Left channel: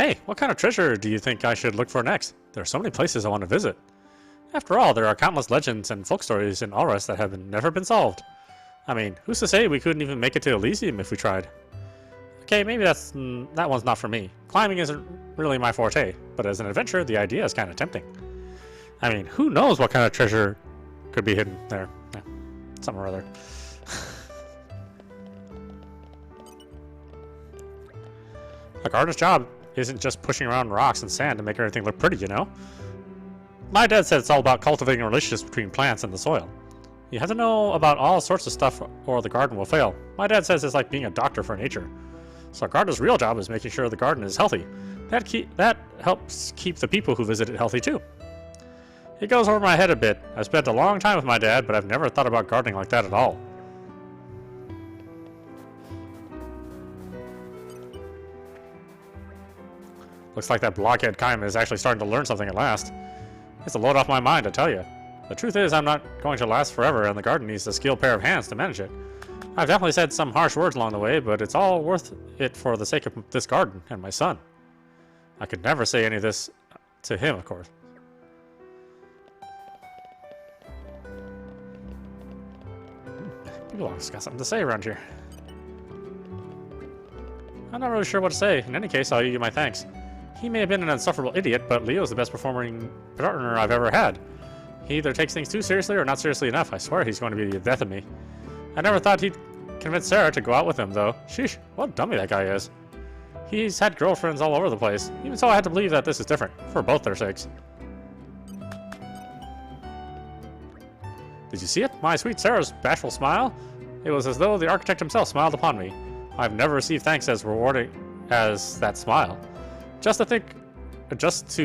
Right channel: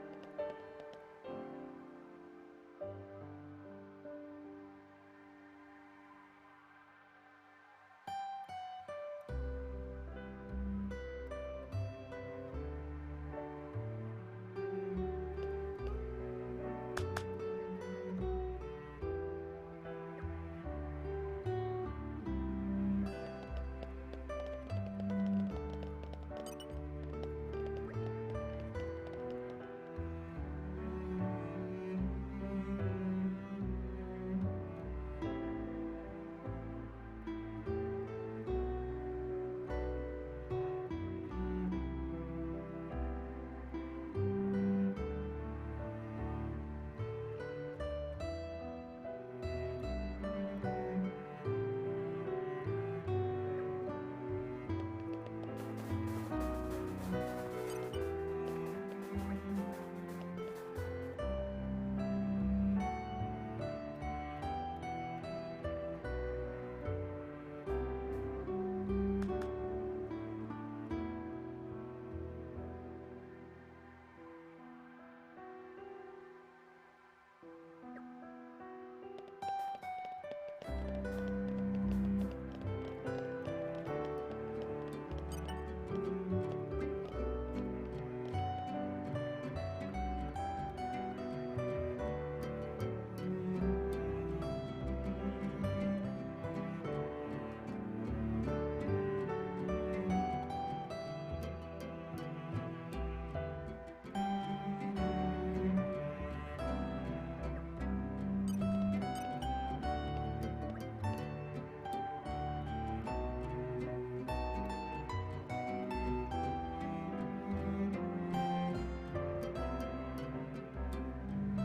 Hey, what kind of treasure do you think I should look for next? There are so many places I want to visit. After all, there are countless legends and folk stories in Aurus that have never been solved. I mean, who's to say we couldn't even make it to Elysium if we tried? Okay, maybe that one's not for me. Climbing isn't really my forte, but as an adventurer, the idea is kind of tempting. I mean, who knows what kind of treasure could be hidden there? Yeah, something or other. A gardener's job isn't just pushing around rocks and sand to make everything look pretty, you know? My dad said it's all about cultivating relationships between plants and the soil. You have to know about all sorts of stuff or the garden will fail. My dad says it's like being a doctor for nature. So a gardener's real job is making sure the garden is healthy. That helps keep the people who visit it healthy too. It goes over my head a bit. I spent a long time with my dad, but I've never thought about gardening like that at all. Looks like that blockhead Kaim is actually starting to learn something at last. It's a load off my mind, I tell you. The truth is, I'm not going to last forever, and the garden needs a skilled pair of hands to manage it. I've definitely said some harsh words along the way, but it's all worth it for the sake of this garden and my son. I could never say any of this to him, of course. People always got something to say around here. I'm not really sure what to say. In any case, I'll give you my thanks. He may have been an insufferable idiot, but Leo's the best performing partner I've ever had. He either takes things too seriously or not seriously enough. I swear he's going to be the death of me. I never thought he'd convince Sarah to go out with him, though. Sheesh, what a dummy that guy is. He's had girlfriends all over the place. Even so, I had to believe that this is different, for both their sakes. Did you see it? My sweet Sarah's bashful smile? It was as though the architect himself smiled upon me. I've never received thanks as rewarding as that smile. Just to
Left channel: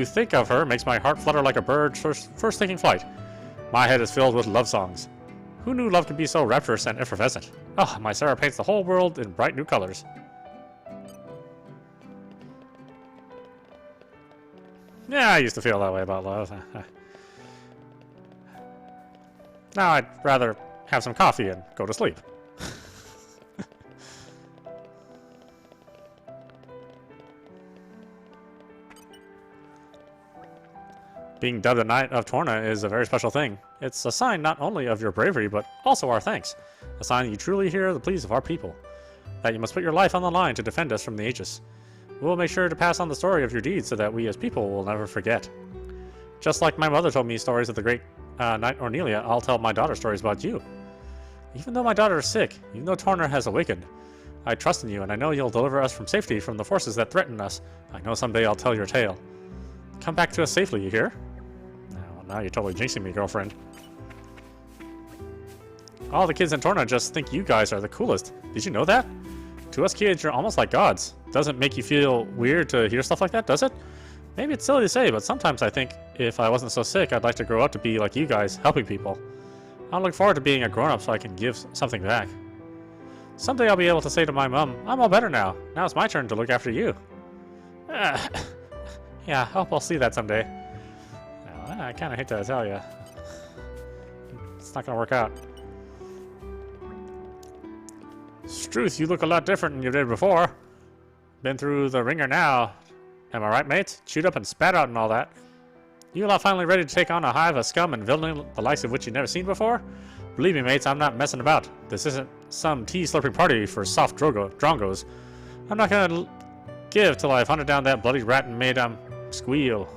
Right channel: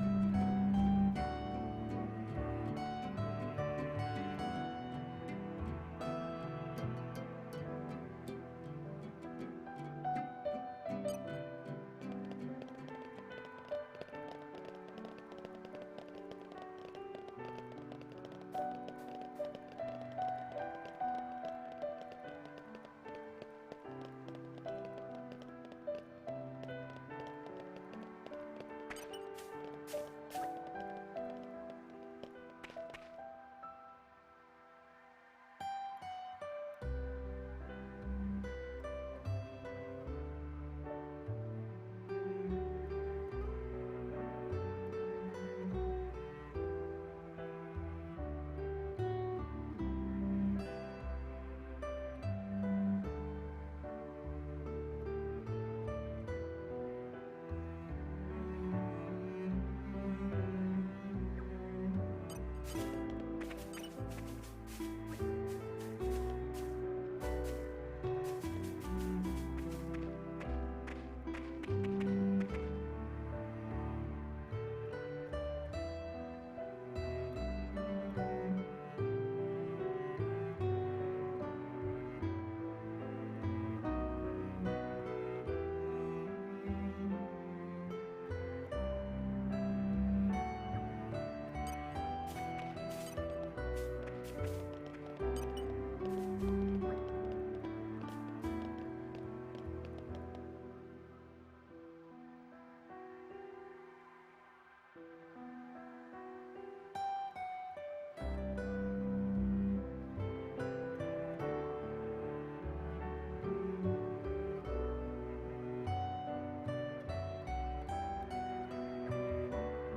think of her makes my heart flutter like a bird first taking flight. My head is filled with love songs. Who knew love could be so rapturous and effervescent? Oh, my Sarah paints the whole world in bright new colors. Yeah, I used to feel that way about love. Now I'd rather have some coffee and go to sleep. Being dubbed the Knight of Torna is a very special thing. It's a sign not only of your bravery, but also our thanks. A sign that you truly hear the pleas of our people. That you must put your life on the line to defend us from the Aegis. We will make sure to pass on the story of your deeds so that we as people will never forget. Just like my mother told me stories of the great Knight Ornelia, I'll tell my daughter stories about you. Even though my daughter is sick, even though Torna has awakened, I trust in you and I know you'll deliver us from safety from the forces that threaten us. I know someday I'll tell your tale. Come back to us safely, you hear? Now you're totally jinxing me, girlfriend. All the kids in Torna just think you guys are the coolest. Did you know that? To us kids, you're almost like gods. Doesn't make you feel weird to hear stuff like that, does it? Maybe it's silly to say, but sometimes I think if I wasn't so sick, I'd like to grow up to be like you guys, helping people. I look forward to being a grown-up so I can give something back. Someday I'll be able to say to my mom, I'm all better now. Now it's my turn to look after you. Yeah, I hope I'll see that someday. I kind of hate to tell you. It's not going to work out. Struth, you look a lot different than you did before. Been through the ringer now. Am I right, mates? Chewed up and spat out and all that. You lot finally ready to take on a hive of scum and villainy the likes of which you've never seen before? Believe me, mates, I'm not messing about. This isn't some tea-slurping party for soft drongos. I'm not going to give till I've hunted down that bloody rat and made him squeal.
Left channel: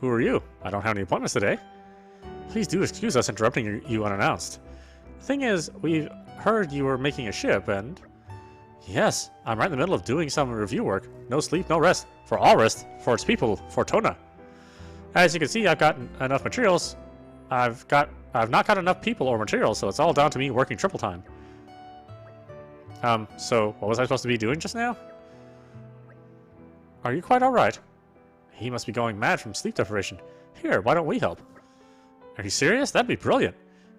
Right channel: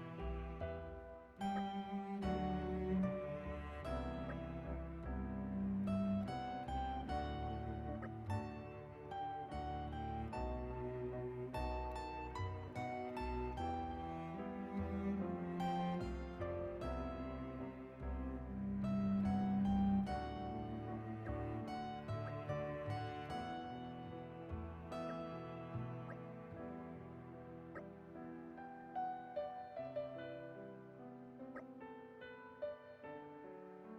Who are you? I don't have any appointments today. Please do excuse us interrupting you unannounced. The thing is, we've heard you were making a ship, and... Yes, I'm right in the middle of doing some review work. No sleep, no rest. For all rest. For its people. For Torna. As you can see, I've got enough materials. I've not got enough people or materials, so it's all down to me working triple time. So what was I supposed to be doing just now? Are you quite alright? He must be going mad from sleep deprivation. Here, why don't we help? Are you serious? That'd be brilliant.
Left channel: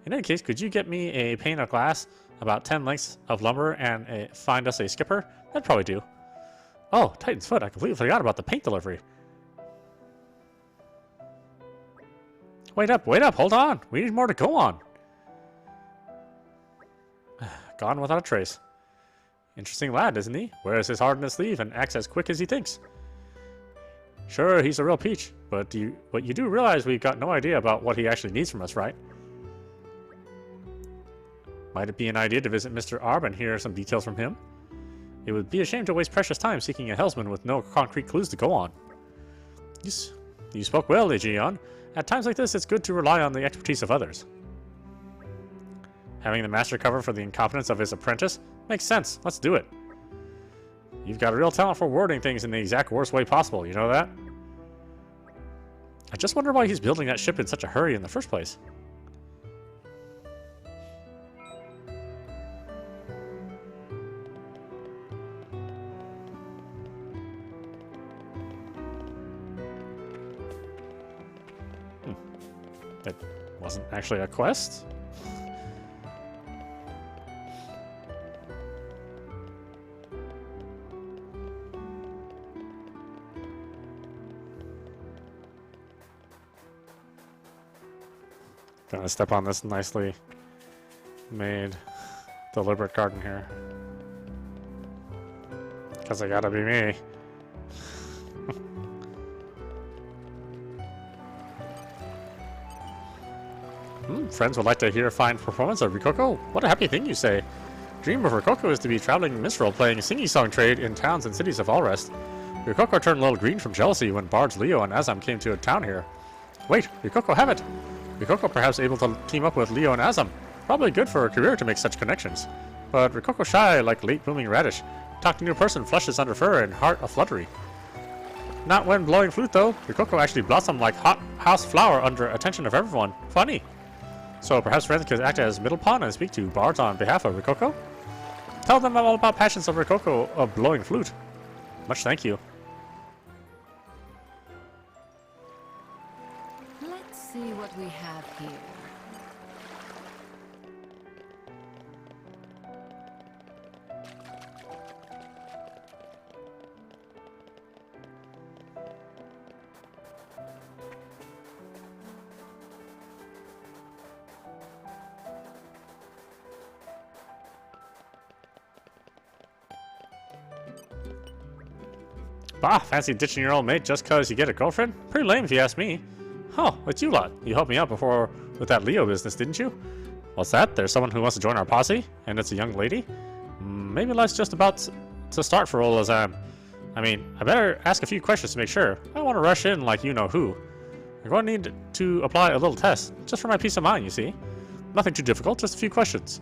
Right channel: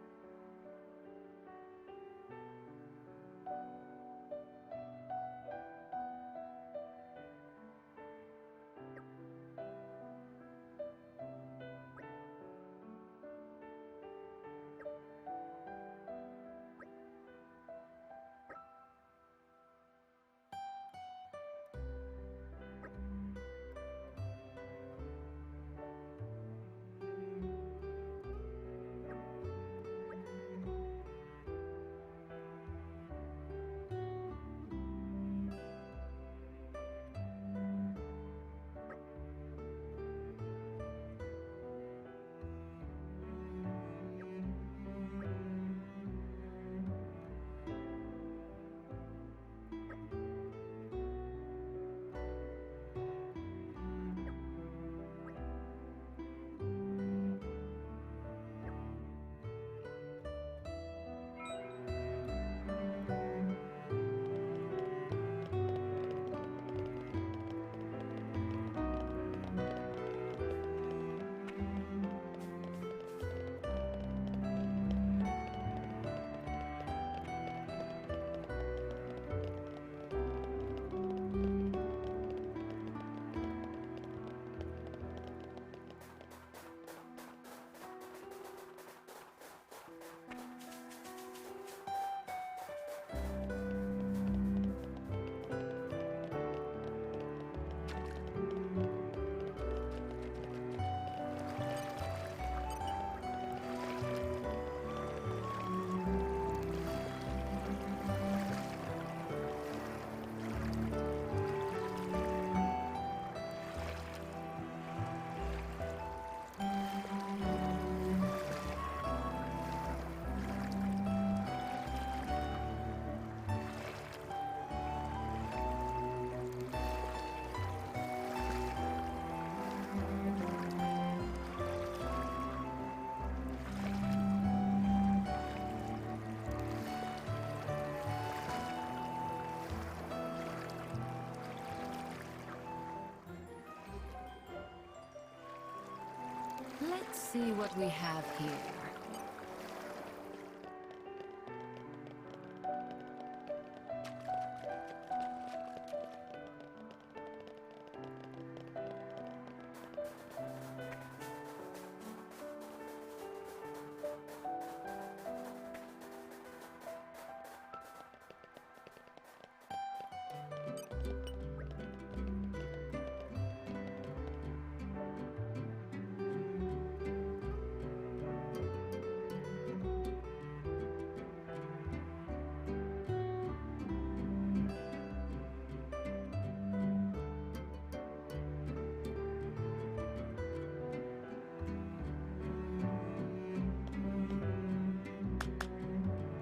In any case, could you get me a pane of glass, about 10 lengths of lumber, and find us a skipper? That'd probably do. Oh, Titan's foot, I completely forgot about the paint delivery. wait up, hold on. We need more to go on. Gone without a trace. Interesting lad, isn't he? Wears his heart in his sleeve and acts as quick as he thinks. Sure, he's a real peach, but you do realize we've got no idea about what he actually needs from us, right? Might it be an idea to visit Mr. Arb and hear some details from him? It would be a shame to waste precious time seeking a helmsman with no concrete clues to go on. You spoke well, Legion. At times like this, it's good to rely on the expertise of others. Having the master cover for the incompetence of his apprentice makes sense. Let's do it. You've got a real talent for wording things in the exact worst way possible, you know that? I just wonder why he's building that ship in such a hurry in the first place. That wasn't actually a quest? Gonna step on this nicely made deliberate garden here. Because I gotta be me. Friends would like to hear a fine performance of Rokoko? What a happy thing you say. Dream of Rokoko is to be traveling minstrel playing sing-song trade in towns and cities of Allrest. Rokoko turned a little green from jealousy when bards Leo and Azam came to a town here. Wait, Rokoko have it! Rokoko perhaps able to team up with Leo and Azam. Probably good for her career to make such connections. But Rokoko shy like late blooming radish. Talk to new person, flushes under fur and heart a fluttery. Not when blowing flute though. Rokoko actually blossomed like hot house flower under attention of everyone. Funny. So perhaps friends could act as middle pawn and speak to bards on behalf of Rokoko? Tell them all about passions of Rokoko of blowing flute. Much thank you. Let's see what we have here. Bah, fancy ditching your old mate just cause you get a girlfriend? Pretty lame if you ask me. Huh, it's you lot. You helped me out before with that Leo business, didn't you? What's that? There's someone who wants to join our posse? And it's a young lady? Maybe life's just about to start for old Azam. I mean, I better ask a few questions to make sure. I don't want to rush in like you know who. You're going to need to apply a little test, just for my peace of mind, you see. Nothing too difficult, just a few questions.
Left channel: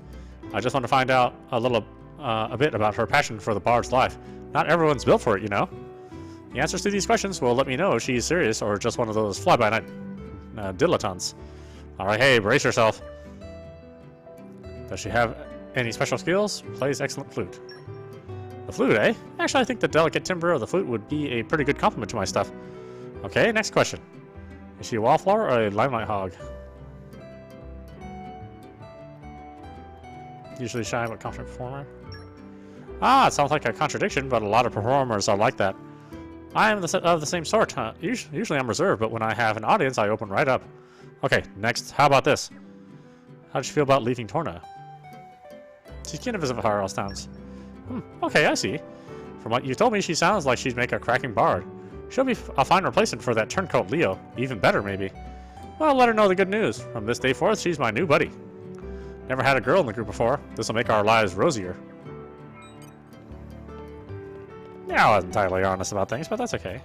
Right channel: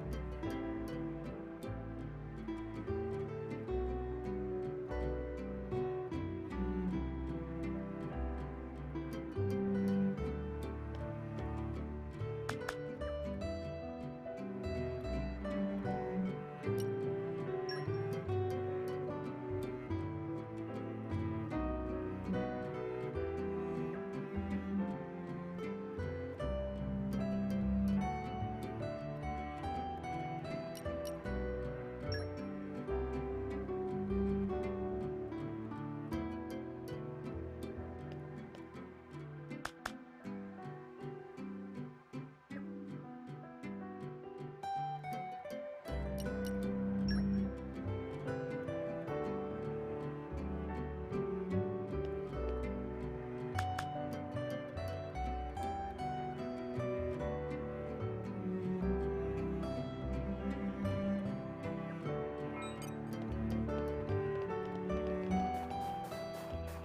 I just want to find out a bit about her passion for the bard's life. Not everyone's built for it, you know. The answers to these questions will let me know if she's serious or just one of those fly-by-night dilettantes. Alright, hey, brace yourself. Does she have any special skills? Plays excellent flute. The flute, eh? Actually, I think the delicate timbre of the flute would be a pretty good compliment to my stuff. Okay, next question. Is she a wallflower or a limelight hog? Usually shy but confident performer. Ah, it sounds like a contradiction, but a lot of performers are like that. I am of the same sort. Usually I'm reserved, but when I have an audience, I open right up. Okay, next. How about this? How did you feel about leaving Torna? She's keen to visit Harrow's towns. Okay, I see. From what you told me, she sounds like she'd make a cracking bard. She'll be a fine replacement for that turncoat Leo. Even better, maybe. Well, let her know the good news. From this day forth, she's my new buddy. Never had a girl in the group before. This'll make our lives rosier. Yeah, I was entirely honest about things, but that's okay.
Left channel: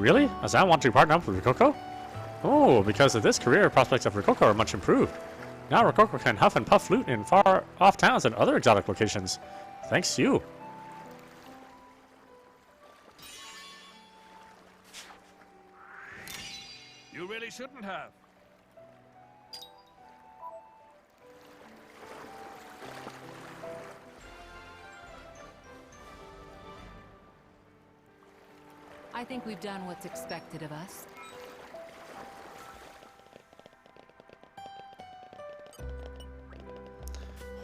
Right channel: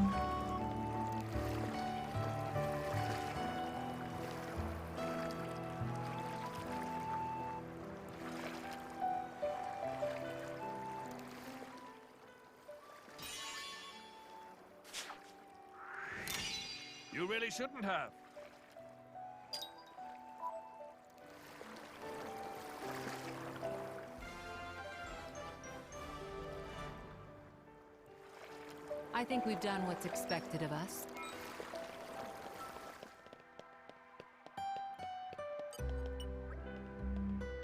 Really? Azam want to partner up with Rokoko? Oh, because of this, career prospects of Rokoko are much improved. Now Rokoko can huff and puff flute in far-off towns and other exotic locations. Thanks to you. You really shouldn't have. I think we've done what's expected of us.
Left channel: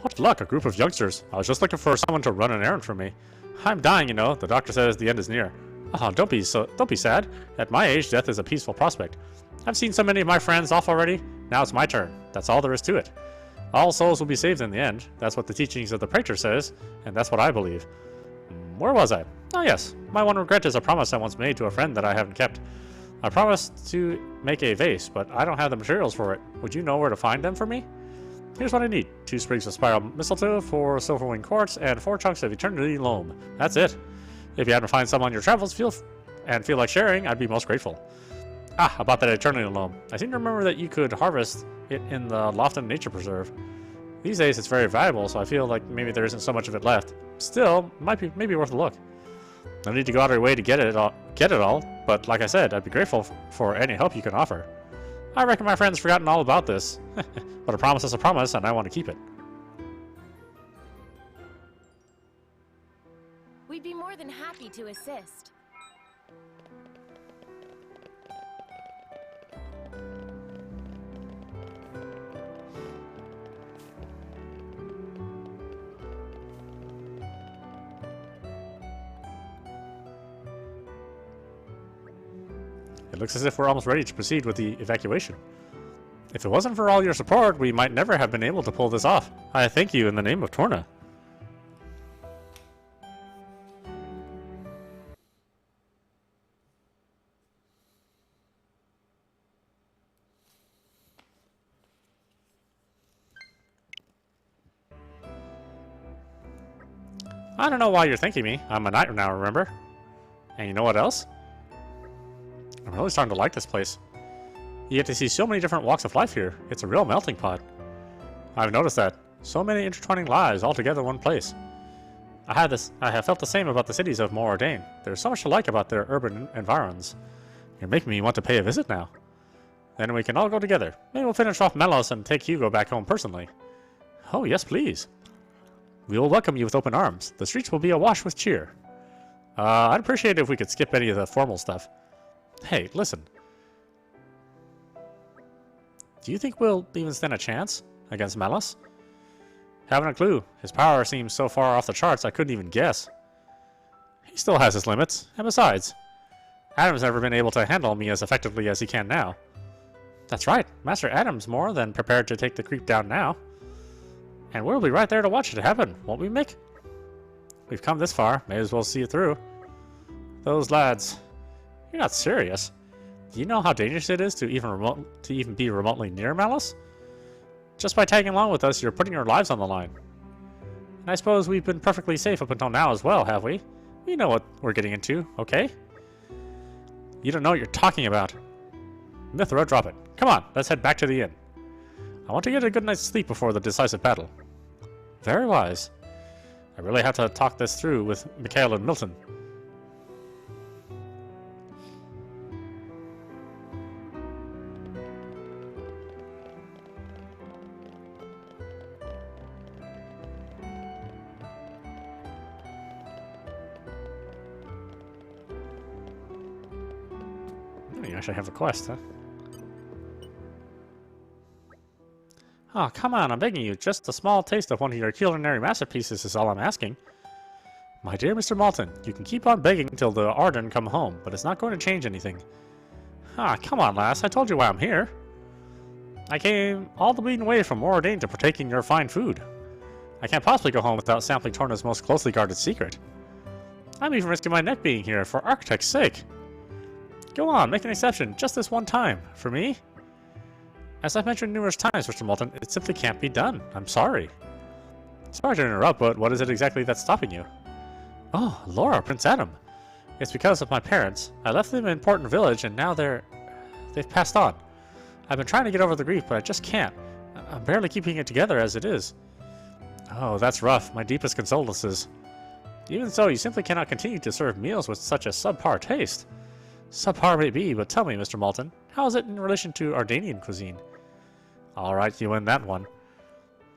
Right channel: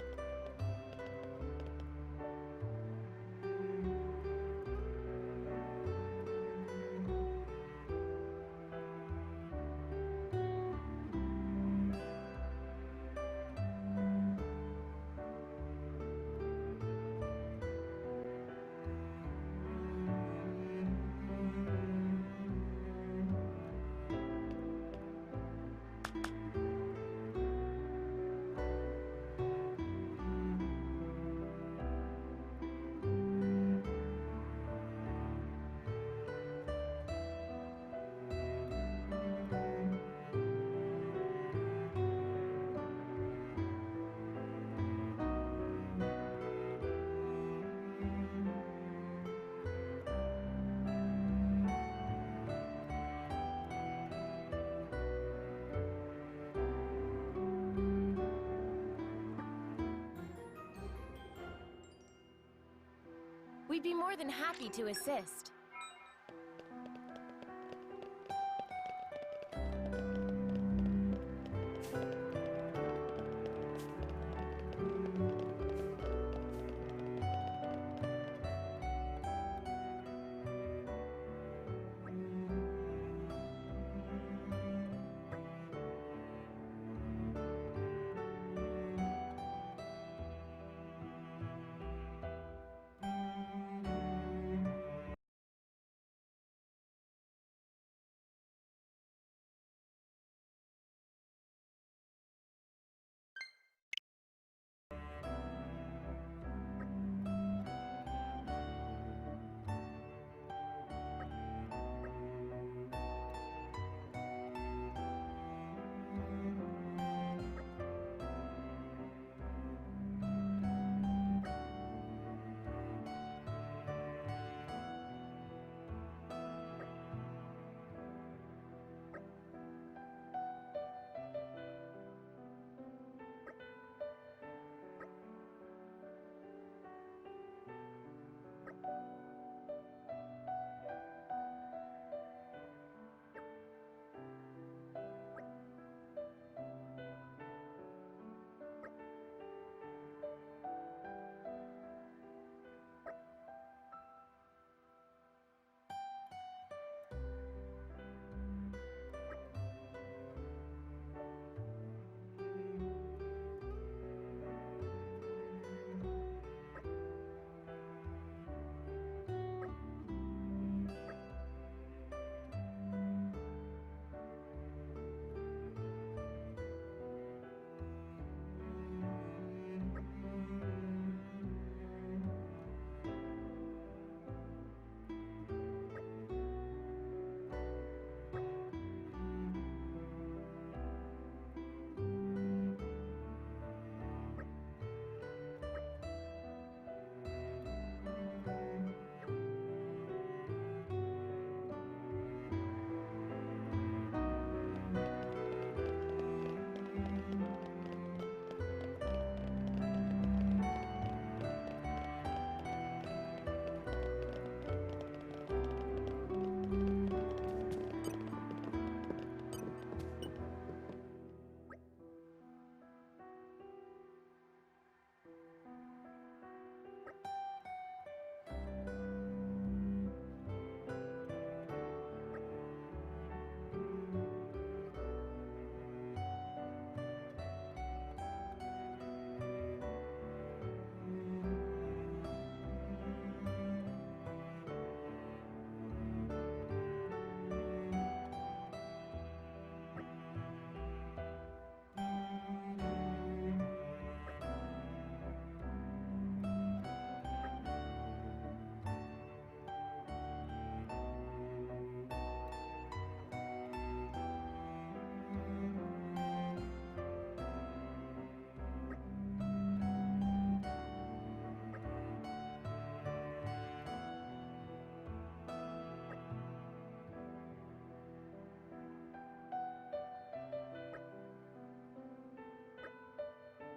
What luck, a group of youngsters. I was just looking for someone to run an errand for me. I'm dying, you know. The doctor says the end is near. Oh, don't be sad. At my age, death is a peaceful prospect. I've seen so many of my friends off already. Now it's my turn. That's all there is to it. All souls will be saved in the end. That's what the teachings of the Praetor says, and that's what I believe. Where was I? Oh yes, my one regret is a promise I once made to a friend that I haven't kept. I promised to make a vase, but I don't have the materials for it. Would you know where to find them for me? Here's what I need. 2 sprigs of spiral mistletoe, 4 silverwing quartz, and 4 chunks of eternity loam. That's it. If you happen to find some on your travels, feel like sharing, I'd be most grateful. Ah, about that eternity loam. I seem to remember that you could harvest it in the Lofton Nature Preserve. These days it's very valuable, so I feel like maybe there isn't so much of it left. Still, maybe worth a look. No need to go out of your way to get it all, but like I said, I'd be grateful for any help you can offer. I reckon my friend's forgotten all about this. But a promise is a promise, and I want to keep it. We'd be more than happy to assist. It looks as if we're almost ready to proceed with the evacuation. If it wasn't for all your support, we might never have been able to pull this off. I thank you in the name of Torna. I don't know why you're thanking me. I'm a knight now, remember? And you know what else? I'm really starting to like this place. You get to see so many different walks of life here. It's a real melting pot. I've noticed that. So many intertwining lives all together in one place. I have felt the same about the cities of Moradane. There's so much to like about their urban environs. You're making me want to pay a visit now. Then we can all go together. Maybe we'll finish off Melos and take Hugo back home personally. Oh, yes, please. We will welcome you with open arms. The streets will be awash with cheer. I'd appreciate it if we could skip any of the formal stuff. Hey, listen. Do you think we'll even stand a chance against Melos? Haven't a clue. His power seems so far off the charts I couldn't even guess. He still has his limits, and besides, Adam's never been able to handle me as effectively as he can now. That's right, Master Adam's more than prepared to take the creep down now. And we'll be right there to watch it happen, won't we, Mick? We've come this far, may as well see it through. Those lads... You're not serious. Do you know how dangerous it is to even be remotely near Melos? Just by tagging along with us, you're putting your lives on the line. And I suppose we've been perfectly safe up until now as well, have we? We know what we're getting into, okay? You don't know what you're talking about. Mithra, drop it. Come on, let's head back to the inn. I want to get a good night's sleep before the decisive battle. Very wise. I really have to talk this through with Mikhail and Milton. You actually have a quest, huh? Oh, come on, I'm begging you. Just a small taste of one of your culinary masterpieces is all I'm asking. My dear Mr. Malton, you can keep on begging until the Arden come home, but it's not going to change anything. Ah, come on, lass. I told you why I'm here. I came all the bleeding way from Moradane to partake in your fine food. I can't possibly go home without sampling Torna's most closely guarded secret. I'm even risking my neck being here for architect's sake. Go on, make an exception, just this one time. For me? As I've mentioned numerous times, Mr. Malton, it simply can't be done. I'm sorry. Sorry to interrupt, but what is it exactly that's stopping you? Oh, Laura, Prince Adam. It's because of my parents. I left them in Porton Village, and now they've passed on. I've been trying to get over the grief, but I just can't. I'm barely keeping it together as it is. Oh, that's rough. My deepest condolences. Even so, you simply cannot continue to serve meals with such a subpar taste. Subpar may be, but tell me, Mr. Malton, how is it in relation to Ardanian cuisine? Alright, you win that one.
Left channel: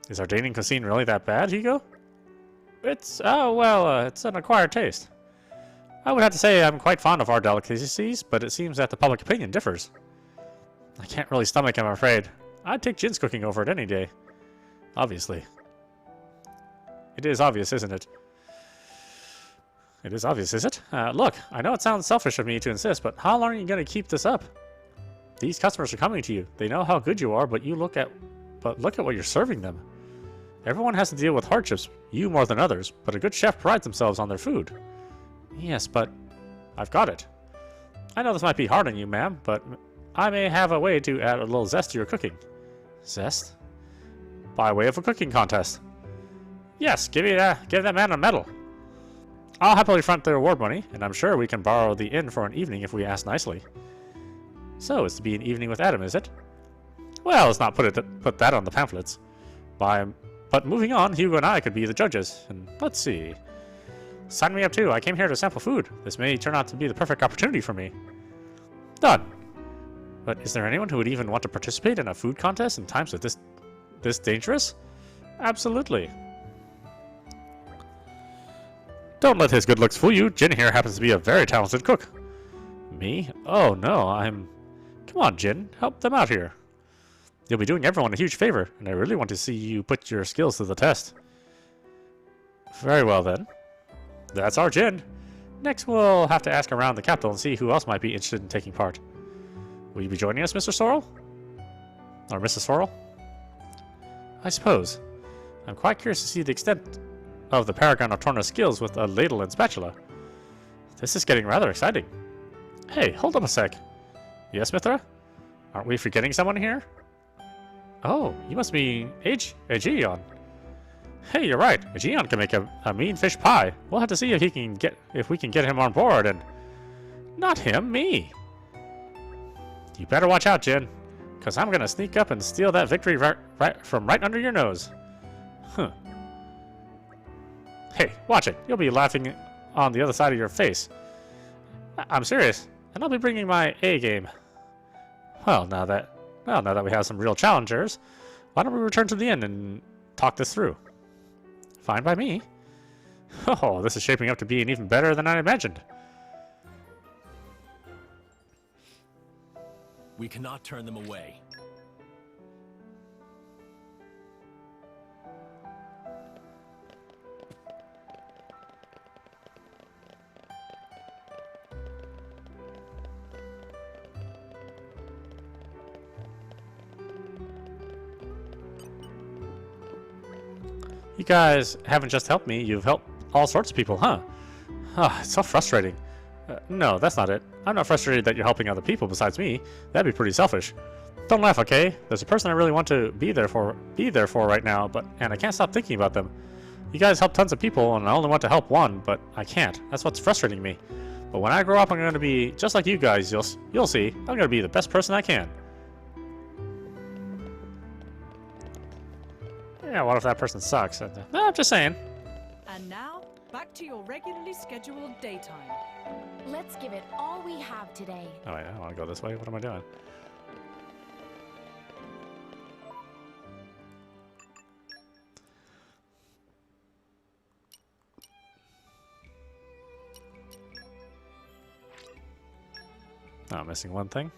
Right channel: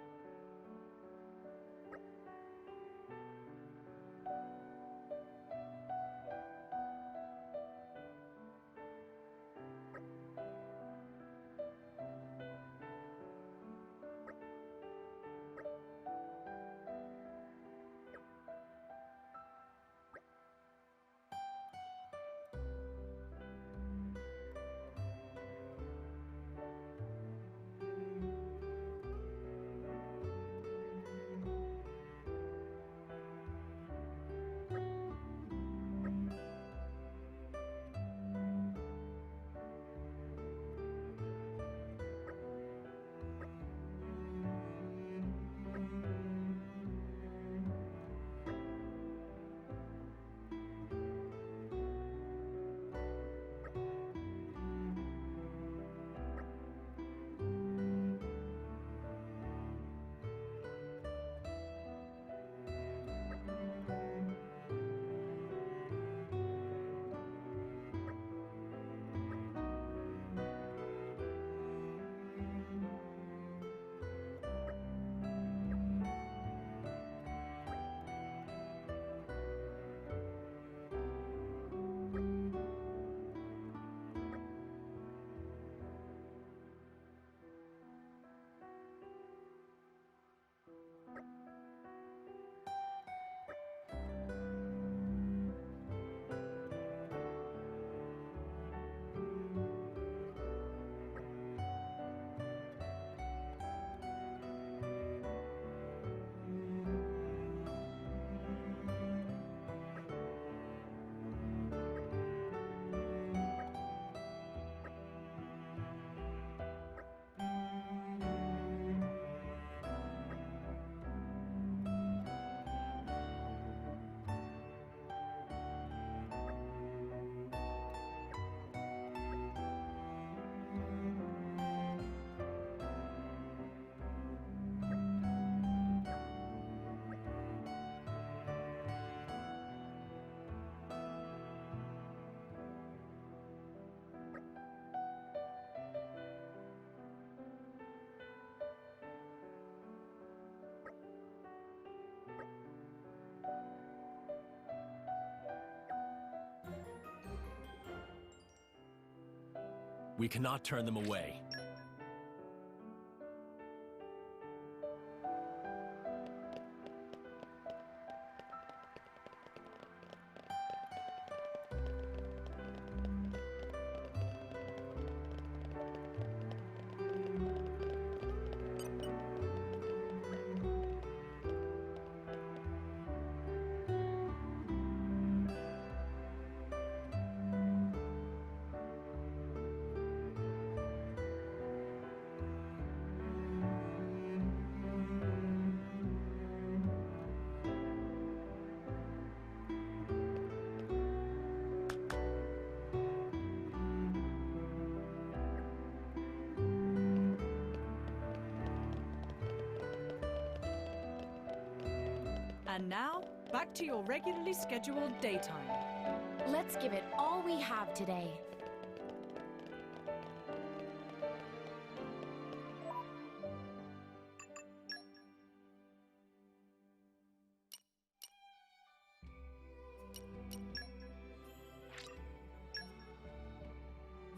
Is Ardanian cuisine really that bad, Hugo? It's, it's an acquired taste. I would have to say I'm quite fond of our delicacies, but it seems that the public opinion differs. I can't really stomach it, I'm afraid. I'd take Jin's cooking over it any day. Obviously. It is obvious, isn't it? It is obvious, is it? Look, I know it sounds selfish of me to insist, but how long are you going to keep this up? These customers are coming to you. They know how good you are, but look at what you're serving them. Everyone has to deal with hardships, you more than others, but a good chef prides themselves on their food. Yes, but I've got it. I know this might be hard on you, ma'am, but I may have a way to add a little zest to your cooking. Zest? By way of a cooking contest. Yes, give that man a medal. I'll happily front the reward money, and I'm sure we can borrow the inn for an evening if we ask nicely. So, it's to be an evening with Adam, is it? Well, let's not put that on the pamphlets. But moving on, Hugo and I could be the judges, and let's see. Sign me up too. I came here to sample food. This may turn out to be the perfect opportunity for me. Done. But is there anyone who would even want to participate in a food contest in times of this dangerous? Absolutely. Don't let his good looks fool you. Jin here happens to be a very talented cook. Me? Oh no, Come on, Jin. Help them out here. You'll be doing everyone a huge favor, and I really want to see you put your skills to the test. Very well then. That's our Jin. Next, we'll have to ask around the capital and see who else might be interested in taking part. Will you be joining us, Mr. Sorrel? Or Mrs. Sorrel? I suppose. I'm quite curious to see the extent of the Paragon of Torna's skills with a ladle and spatula. This is getting rather exciting. Hey, hold up a sec. Yes, Mithra? Aren't we forgetting someone here? Oh, you must be Aegeon. Hey, you're right. Aegeon can make a mean fish pie. We'll have to see if we can get him on board and... Not him, me. You better watch out, Jin, because I'm going to sneak up and steal that victory from right under your nose. Huh. Hey, watch it. You'll be laughing on the other side of your face. I'm serious, and I'll be bringing my A game. Well, now that we have some real challengers, why don't we return to the inn and talk this through? Fine by me. Oh, this is shaping up to be even better than I imagined. We cannot turn them away. You guys haven't just helped me, you've helped all sorts of people, huh? Ah, it's so frustrating. No, that's not it. I'm not frustrated that you're helping other people besides me. That'd be pretty selfish. Don't laugh, okay? There's a person I really want to be there for right now, and I can't stop thinking about them. You guys help tons of people, and I only want to help one, but I can't. That's what's frustrating me. But when I grow up, I'm going to be just like you guys. You'll see. I'm going to be the best person I can. Yeah, what if that person sucks? No, I'm just saying. And now, back to your regularly scheduled daytime. Let's give it all we have today. Oh, wait, I want to go this way. What am I doing? Oh, I'm missing one thing.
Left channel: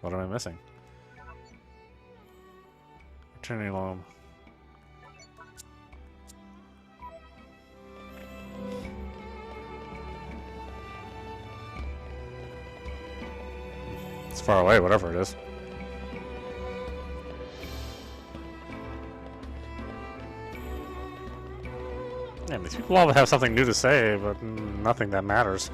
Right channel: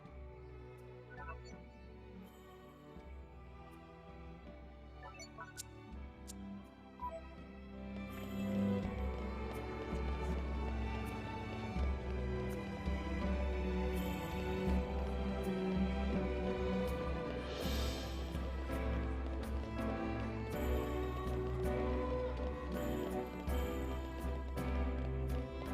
What am I missing? Turning loam. It's far away, whatever it is. Yeah, these people all have something new to say, but nothing that matters.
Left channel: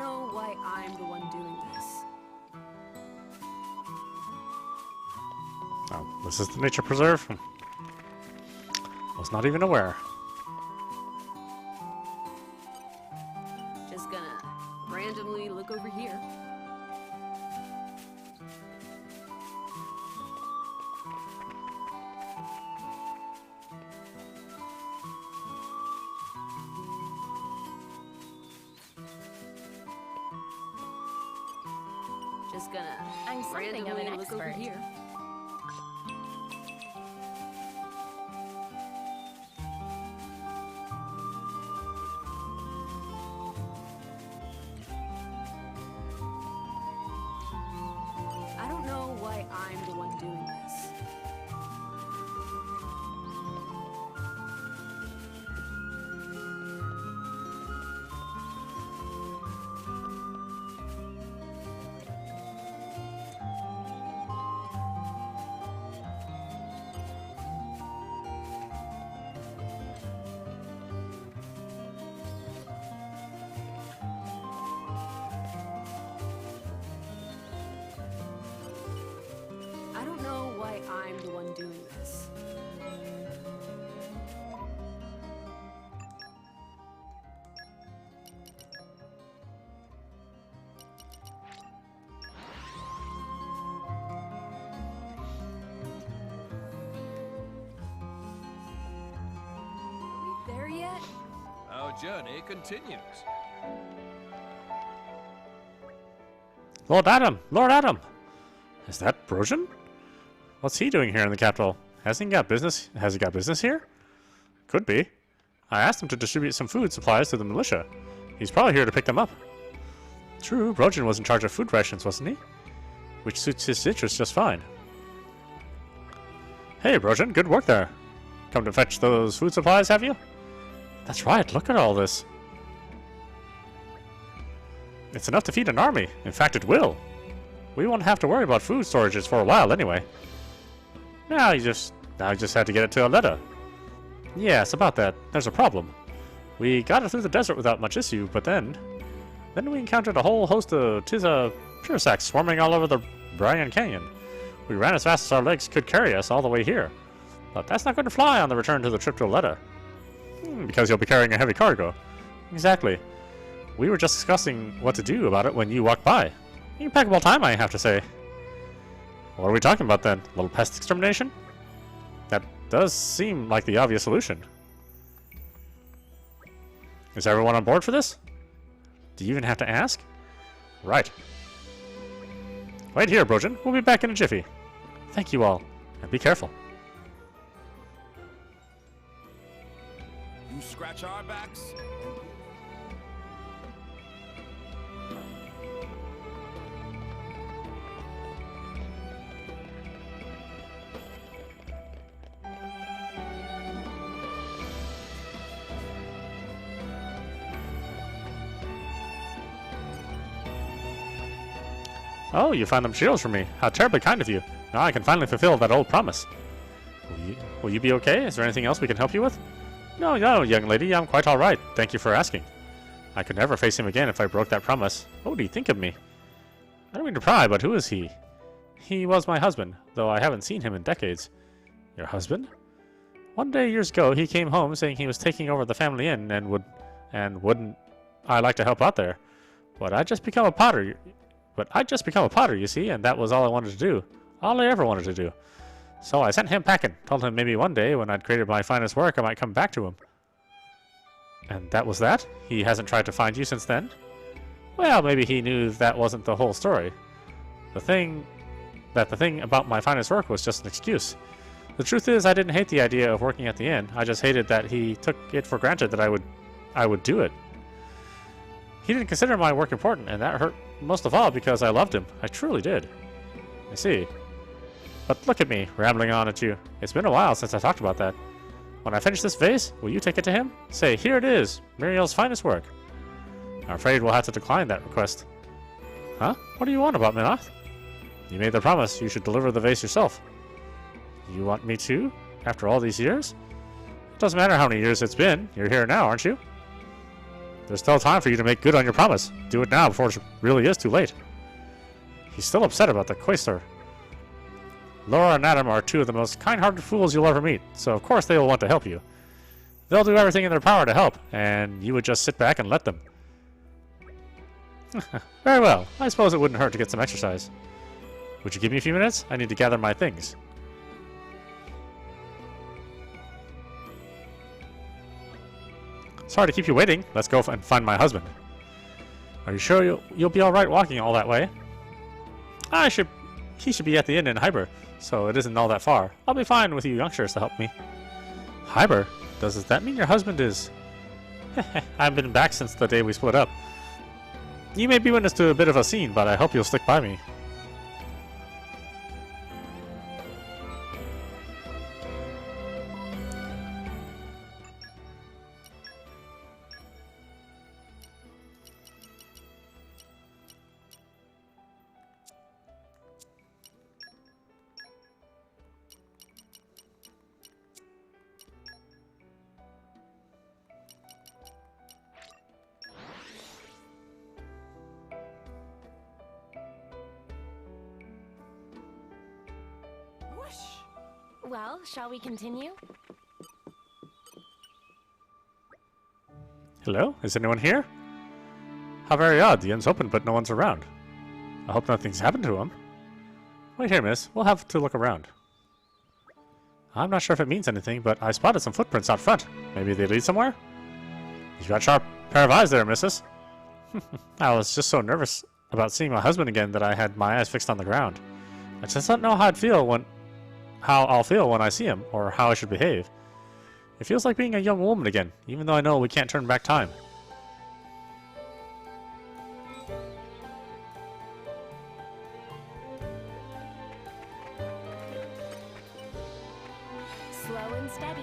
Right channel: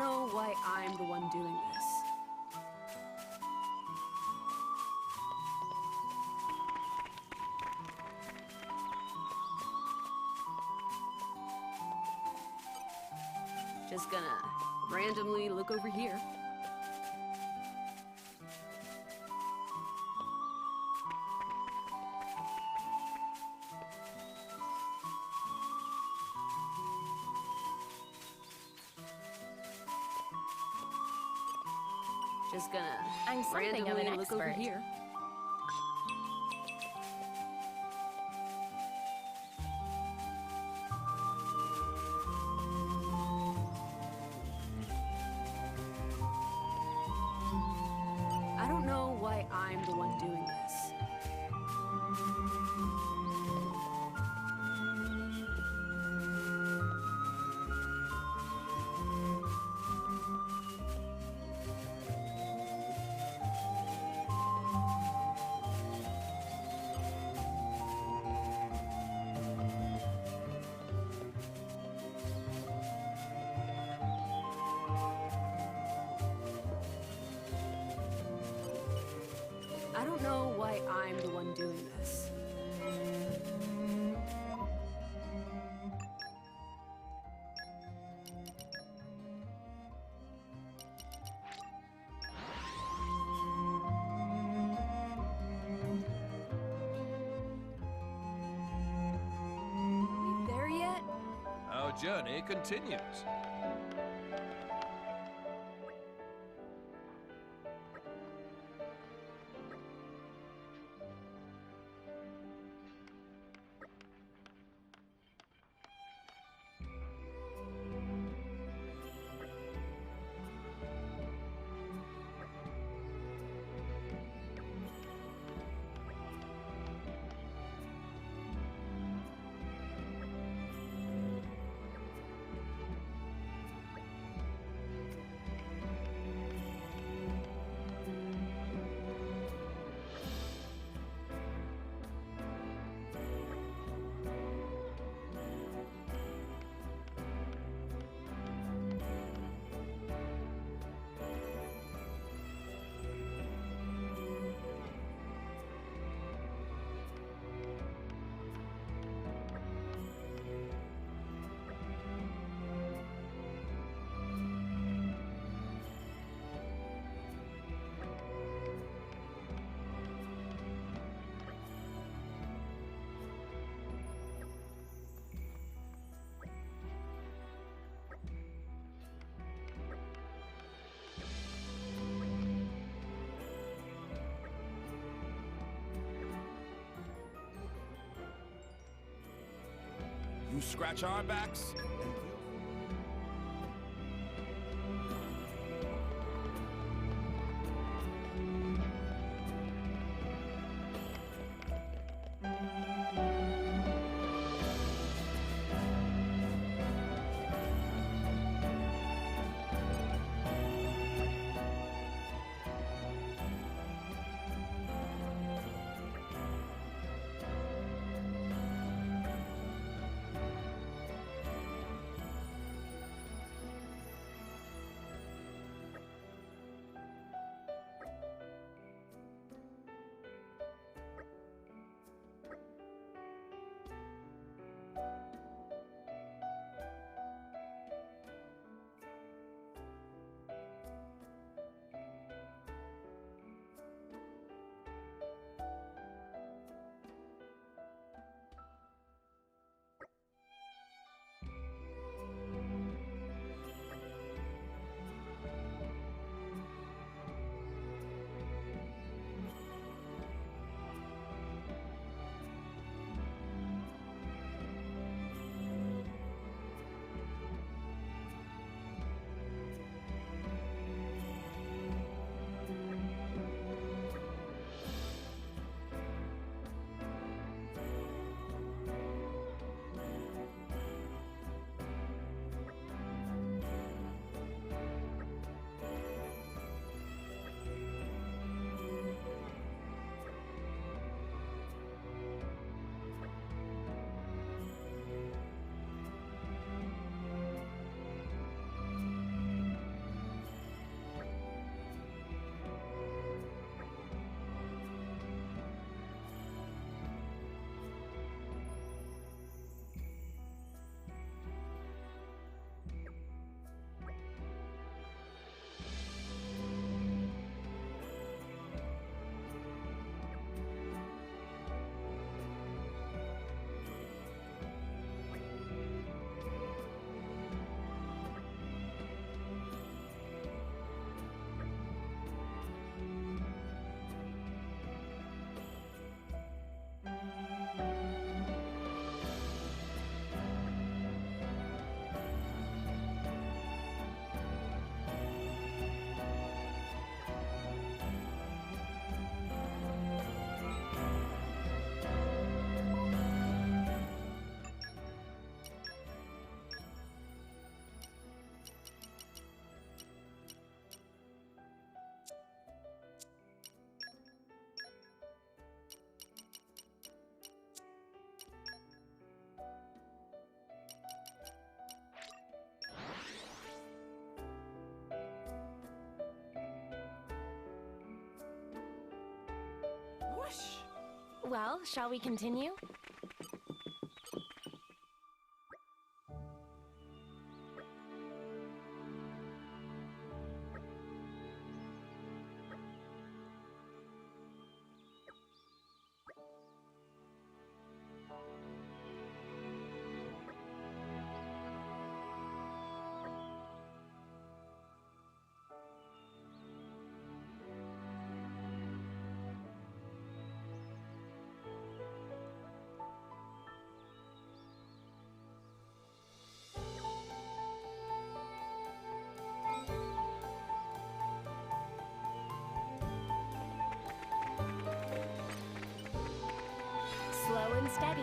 know why I'm the one doing this. Oh, this is the nature preserve? I was not even aware. Just gonna randomly look over here. Just gonna I'm something of an randomly look over expert. here. I don't know why I'm the one doing this. I don't know why I'm the one doing this. Are we there yet? Our journey continues. Lord Adam! Lord Adam! Is that Brojan? What's he doing here in the capital? Has he got business here? Could be. I asked him to distribute some food supplies to the militia. He's probably here to pick them up. True, Brojan was in charge of food rations, wasn't he? Which suits his interests just fine. Hey, Brojan, good work there. Come to fetch those food supplies, have you? That's right, look at all this. It's enough to feed an army. In fact, it will. We won't have to worry about food storages for a while anyway. Now you just had to get it to Aletta. Yes, about that. There's a problem. We got it through the desert without much issue, but then we encountered a whole host of Tiza Pursacs swarming all over the Brian Canyon. We ran as fast as our legs could carry us all the way here. But that's not going to fly on the return to the trip to Aletta. Because you'll be carrying a heavy cargo. Exactly. We were just discussing what to do about it when you walked by. Impeccable time, I have to say. What are we talking about then? A little pest extermination? That does seem like the obvious solution. Is everyone on board for this? Do you even have to ask? Right. Wait here, Brojan. We'll be back in a jiffy. Thank you all, and be careful. You scratch our backs, and Oh, you found them shields for me. How terribly kind of you. Now I can finally fulfill that old promise. Will you be okay? Is there anything else we can help you with? No, young lady. I'm quite all right. Thank you for asking. I could never face him again if I broke that promise. What would he think of me? I don't mean to pry, but who is he? He was my husband, though I haven't seen him in decades. Your husband? One day years ago, he came home saying he was taking over the family inn and wouldn't I like to help out there. But I'd just become a potter, you see, and that was all I wanted to do. All I ever wanted to do. So I sent him packing, told him maybe one day when I'd created my finest work, I might come back to him. And that was that? He hasn't tried to find you since then? Well, maybe he knew that wasn't the whole story. The thing about my finest work was just an excuse. The truth is, I didn't hate the idea of working at the inn. I just hated that he took it for granted that I would do it. He didn't consider my work important, and that hurt most of all because I loved him. I truly did. I see. But look at me, rambling on at you. It's been a while since I talked about that. When I finish this vase, will you take it to him? Say, here it is, Muriel's finest work. I'm afraid we'll have to decline that request. Huh? What do you want about Minoth? You made the promise you should deliver the vase yourself. You want me to? After all these years? It doesn't matter how many years it's been. You're here now, aren't you? There's still time for you to make good on your promise. Do it now before it really is too late. He's still upset about the Quaestor. Laura and Adam are two of the most kind-hearted fools you'll ever meet, so of course they will want to help you. They'll do everything in their power to help, and you would just sit back and let them. Very well. I suppose it wouldn't hurt to get some exercise. Would you give me a few minutes? I need to gather my things. Sorry to keep you waiting. Let's go and find my husband. Are you sure you'll be all right walking all that way? He should be at the inn in Hyber, so it isn't all that far. I'll be fine with you youngsters to help me. Hyber? Does that mean your husband is... I've been back since the day we split up. You may be witness to a bit of a scene, but I hope you'll stick by me. Well, shall we continue? Hello? Is anyone here? How very odd. The inn's open, but no one's around. I hope nothing's happened to him. Wait here, miss. We'll have to look around. I'm not sure if it means anything, but I spotted some footprints out front. Maybe they lead somewhere? You've got a sharp pair of eyes there, missus. I was just so nervous about seeing my husband again that I had my eyes fixed on the ground. I just don't know how I'll feel when I see him, or how I should behave. It feels like being a young woman again, even though I know we can't turn back time. Slow and steady.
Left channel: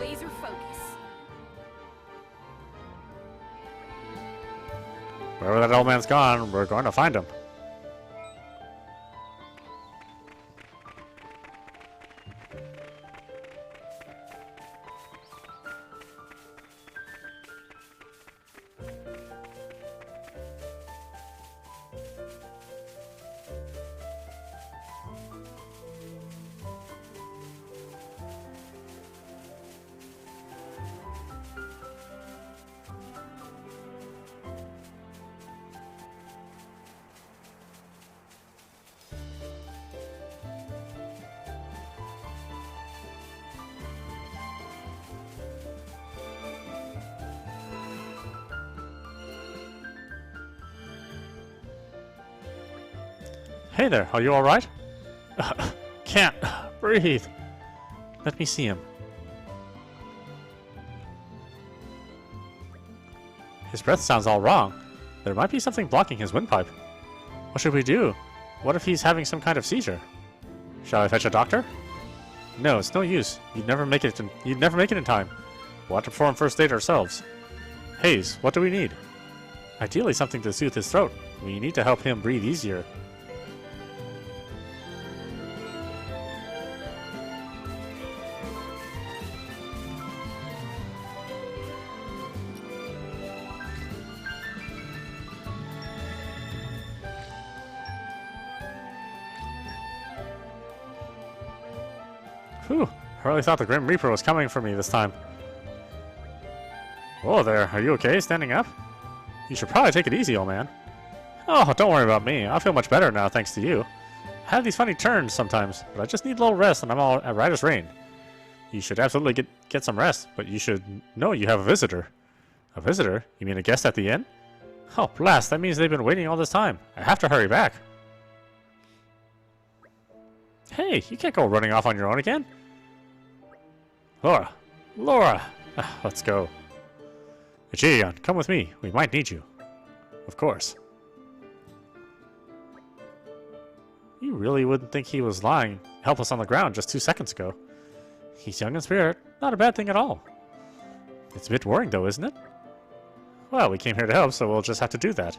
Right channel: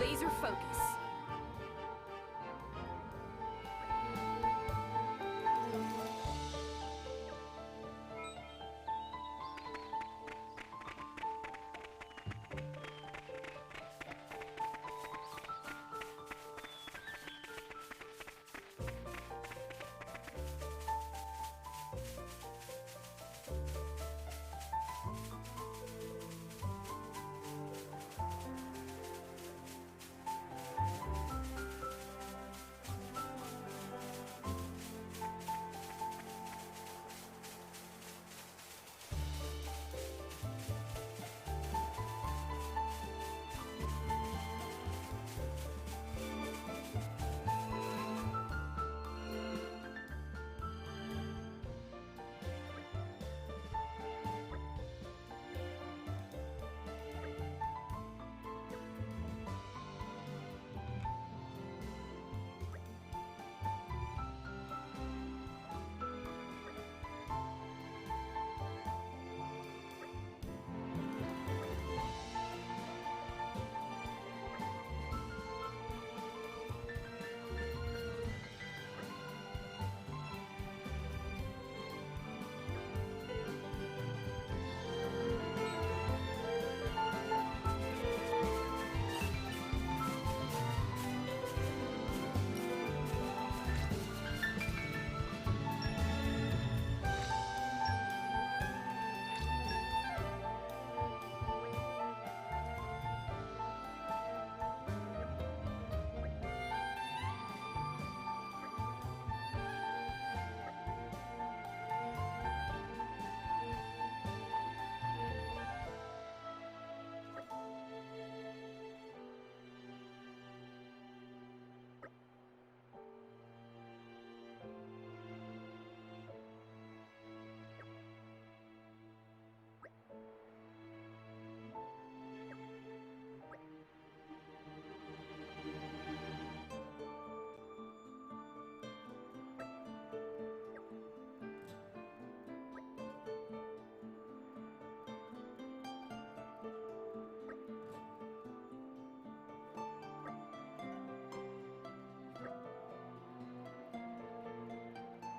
Laser focus. Wherever that old man's gone, we're going to find him. Hey there, are you alright? Can't breathe. Let me see him. His breath sounds all wrong. There might be something blocking his windpipe. What should we do? What if he's having some kind of seizure? Shall I fetch a doctor? No, it's no use. You'd never make it in time. We'll have to perform first aid ourselves. Hayes, what do we need? Ideally something to soothe his throat. We need to help him breathe easier. Whew, I really thought the Grim Reaper was coming for me this time. Whoa there, are you okay standing up? You should probably take it easy, old man. Oh, don't worry about me. I feel much better now thanks to you. I have these funny turns sometimes, but I just need a little rest and I'm all right as rain. You should absolutely get some rest, but you should know you have a visitor. A visitor? You mean a guest at the inn? Oh, blast, that means they've been waiting all this time. I have to hurry back. Hey, you can't go running off on your own again. Laura! Let's go. Echion, come with me. We might need you. Of course. You really wouldn't think he was lying helpless on the ground just 2 seconds ago. He's young in spirit. Not a bad thing at all. It's a bit worrying though, isn't it? Well, we came here to help, so we'll just have to do that.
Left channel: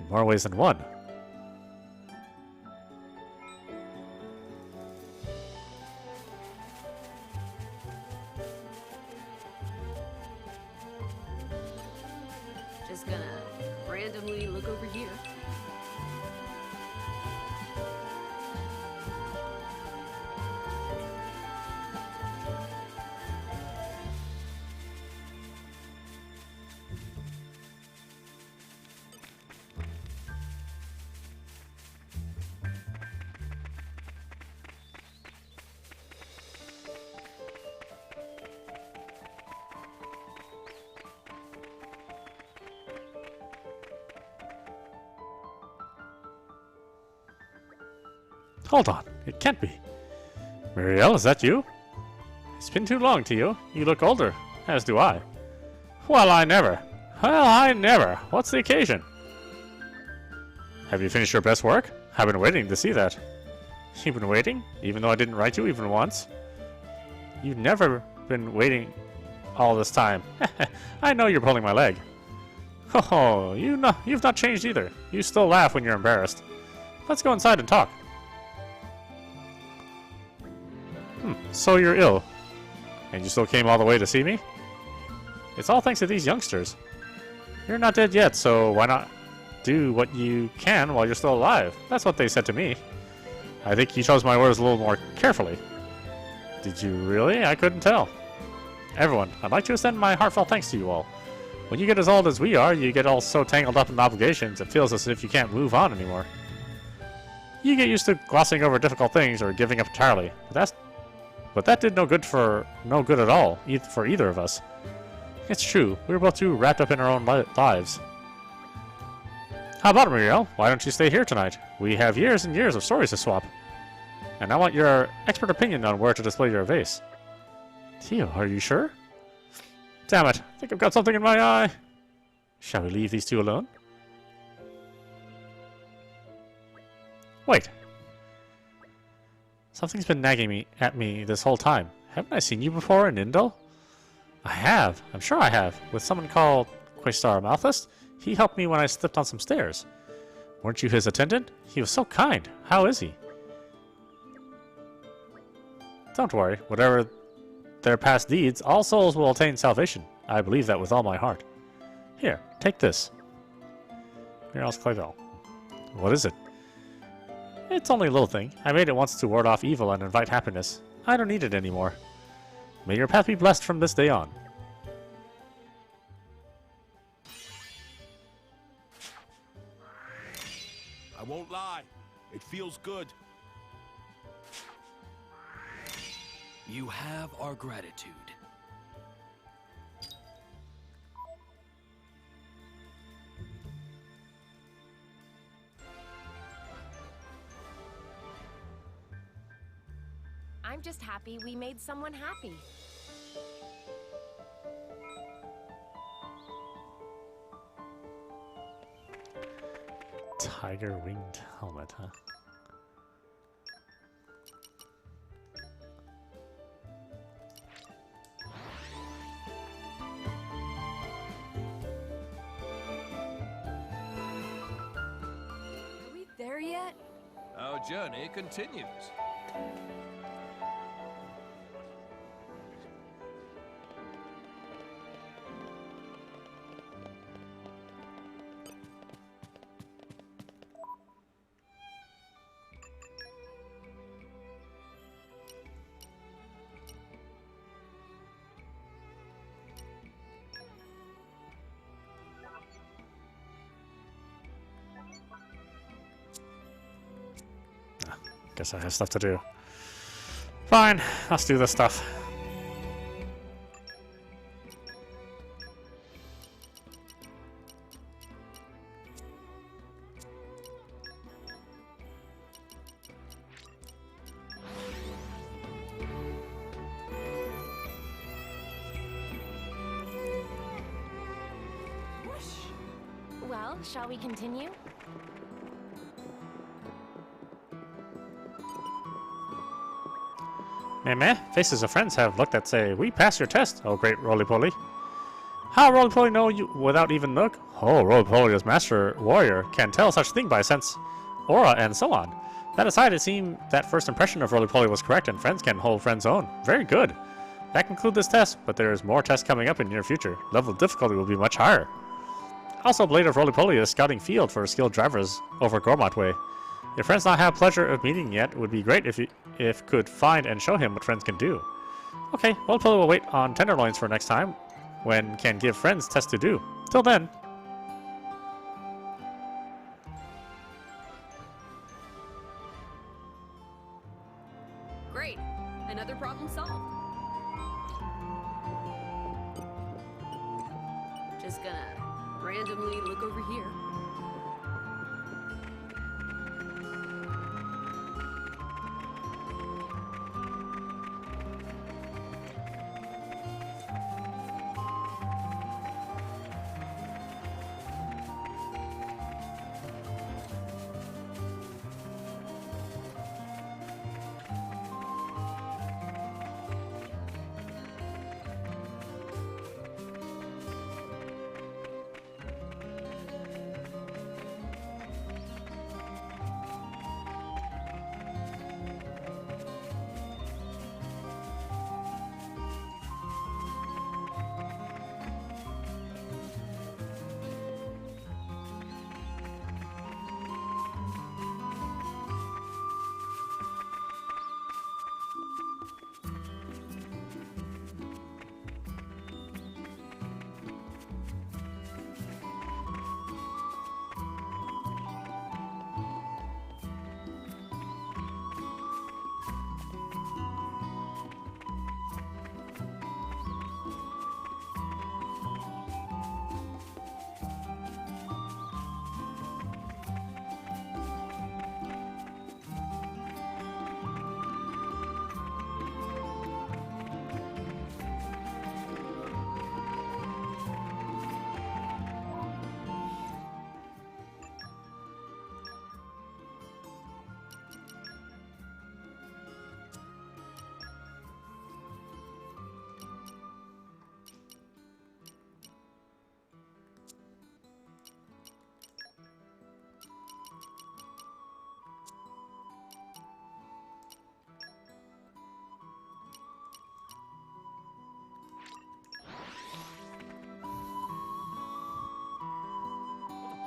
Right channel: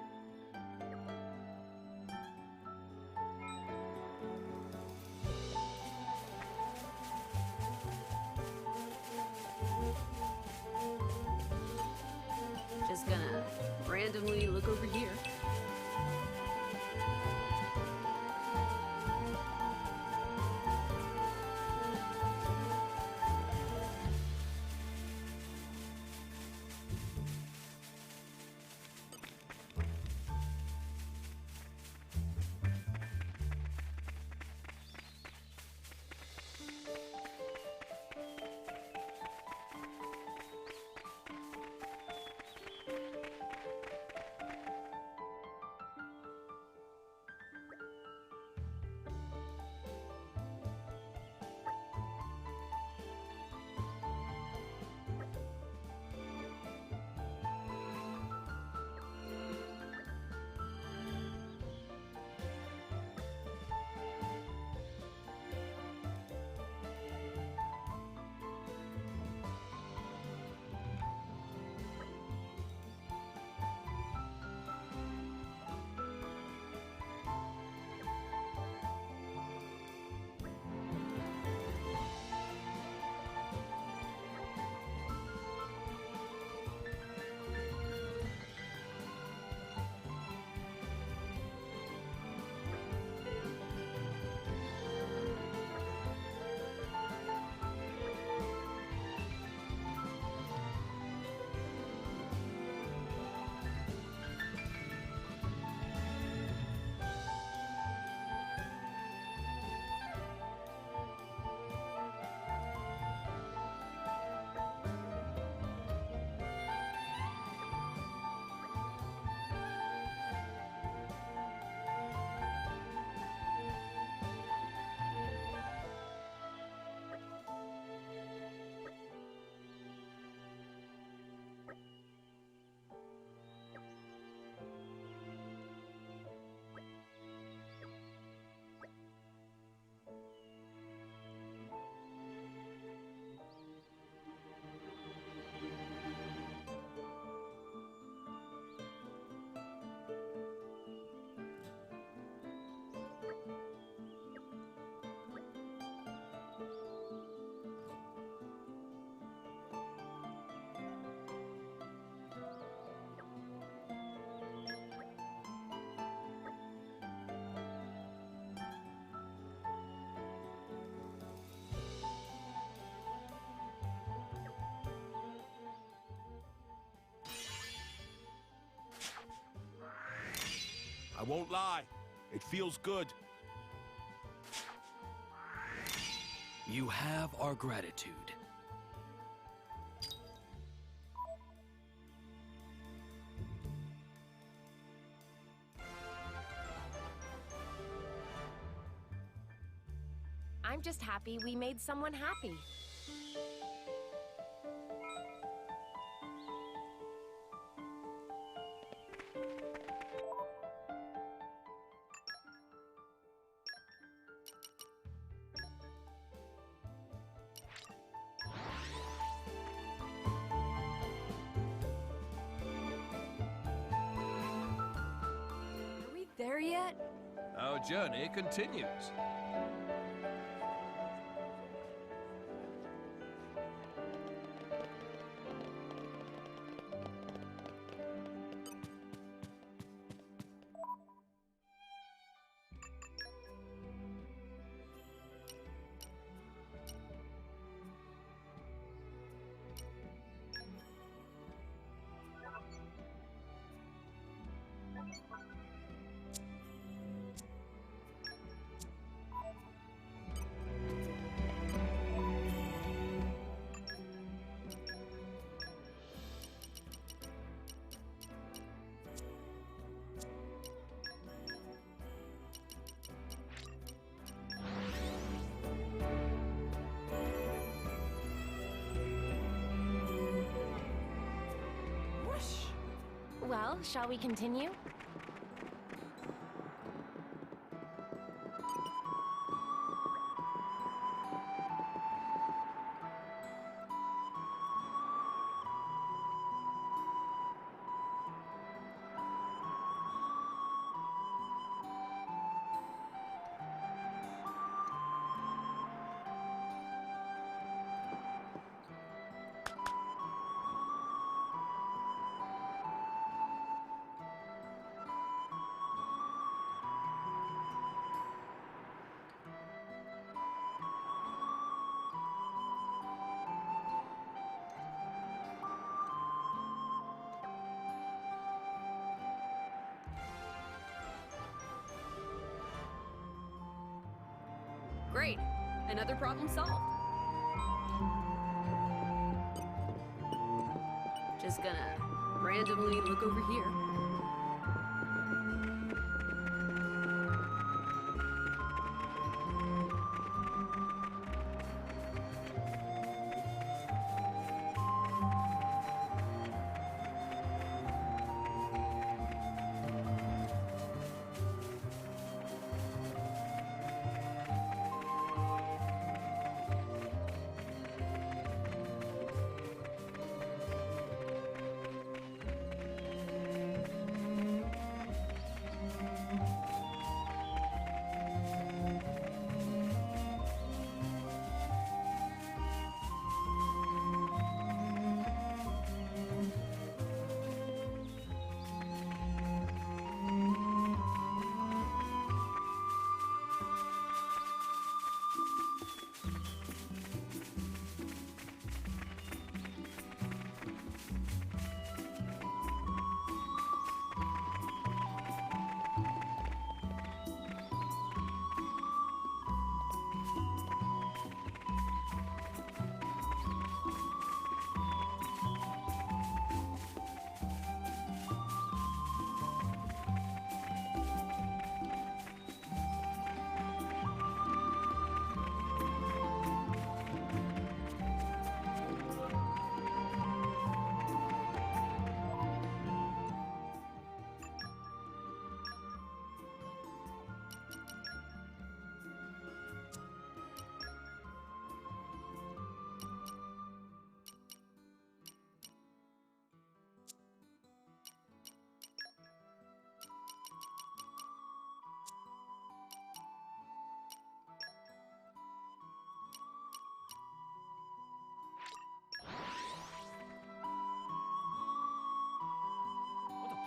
In more ways than one. Just gonna randomly look over here. Hold on, it can't be. Muriel, is that you? It's been too long, Tio. You look older, as do I. Well, I never. What's the occasion? Have you finished your best work? I've been waiting to see that. You've been waiting? Even though I didn't write you even once? You've never been waiting all this time. I know you're pulling my leg. Oh, you've not changed either. You still laugh when you're embarrassed. Let's go inside and talk. So you're ill, and you still came all the way to see me? It's all thanks to these youngsters. You're not dead yet, so why not do what you can while you're still alive? That's what they said to me. I think you chose my words a little more carefully. Did you really? I couldn't tell. Everyone, I'd like to extend my heartfelt thanks to you all. When you get as old as we are, you get all so tangled up in obligations, it feels as if you can't move on anymore. You get used to glossing over difficult things or giving up entirely. But that did no good at all for either of us. It's true, we were both too wrapped up in our own lives. How about it, Muriel? Why don't you stay here tonight? We have years and years of stories to swap. And I want your expert opinion on where to display your vase. Tio, are you sure? Damn it, I think I've got something in my eye. Shall we leave these two alone? Wait. Something's been nagging at me this whole time. Haven't I seen you before in Indel? I have. I'm sure I have. With someone called Questar Malthus. He helped me when I slipped on some stairs. Weren't you his attendant? He was so kind. How is he? Don't worry. Whatever their past deeds, all souls will attain salvation. I believe that with all my heart. Here, take this. Here, I'll collect it all. What is it? It's only a little thing. I made it once to ward off evil and invite happiness. I don't need it anymore. May your path be blessed from this day on. I won't lie. It feels good. You have our gratitude. I'm just happy we made someone happy. Tiger winged helmet, huh? Are we there yet? Our journey continues. Guess I have stuff to do. Fine, let's do this stuff. Well, shall we continue? Meh, faces of friends have looked at say, we passed your test, oh great roly-poly. How roly-poly know you without even look? Oh, roly-poly as master warrior can tell such thing by sense, aura, and so on. That aside, it seemed that first impression of roly-poly was correct and friends can hold friends' own. Very good. That concludes this test, but there is more tests coming up in the near future. Level of difficulty will be much higher. Also, Blade of Roly-Poly is scouting field for skilled drivers over Gormott Way. If friends not have pleasure of meeting yet, it would be great if could find and show him what friends can do. Okay, Roly-Poly will wait on Tenderloins for next time, when can give friends tests to do. Till then. Great. Another problem solved. Just gonna randomly look over here.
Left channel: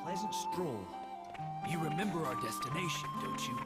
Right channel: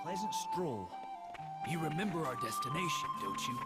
Pleasant stroll. You remember our destination, don't you?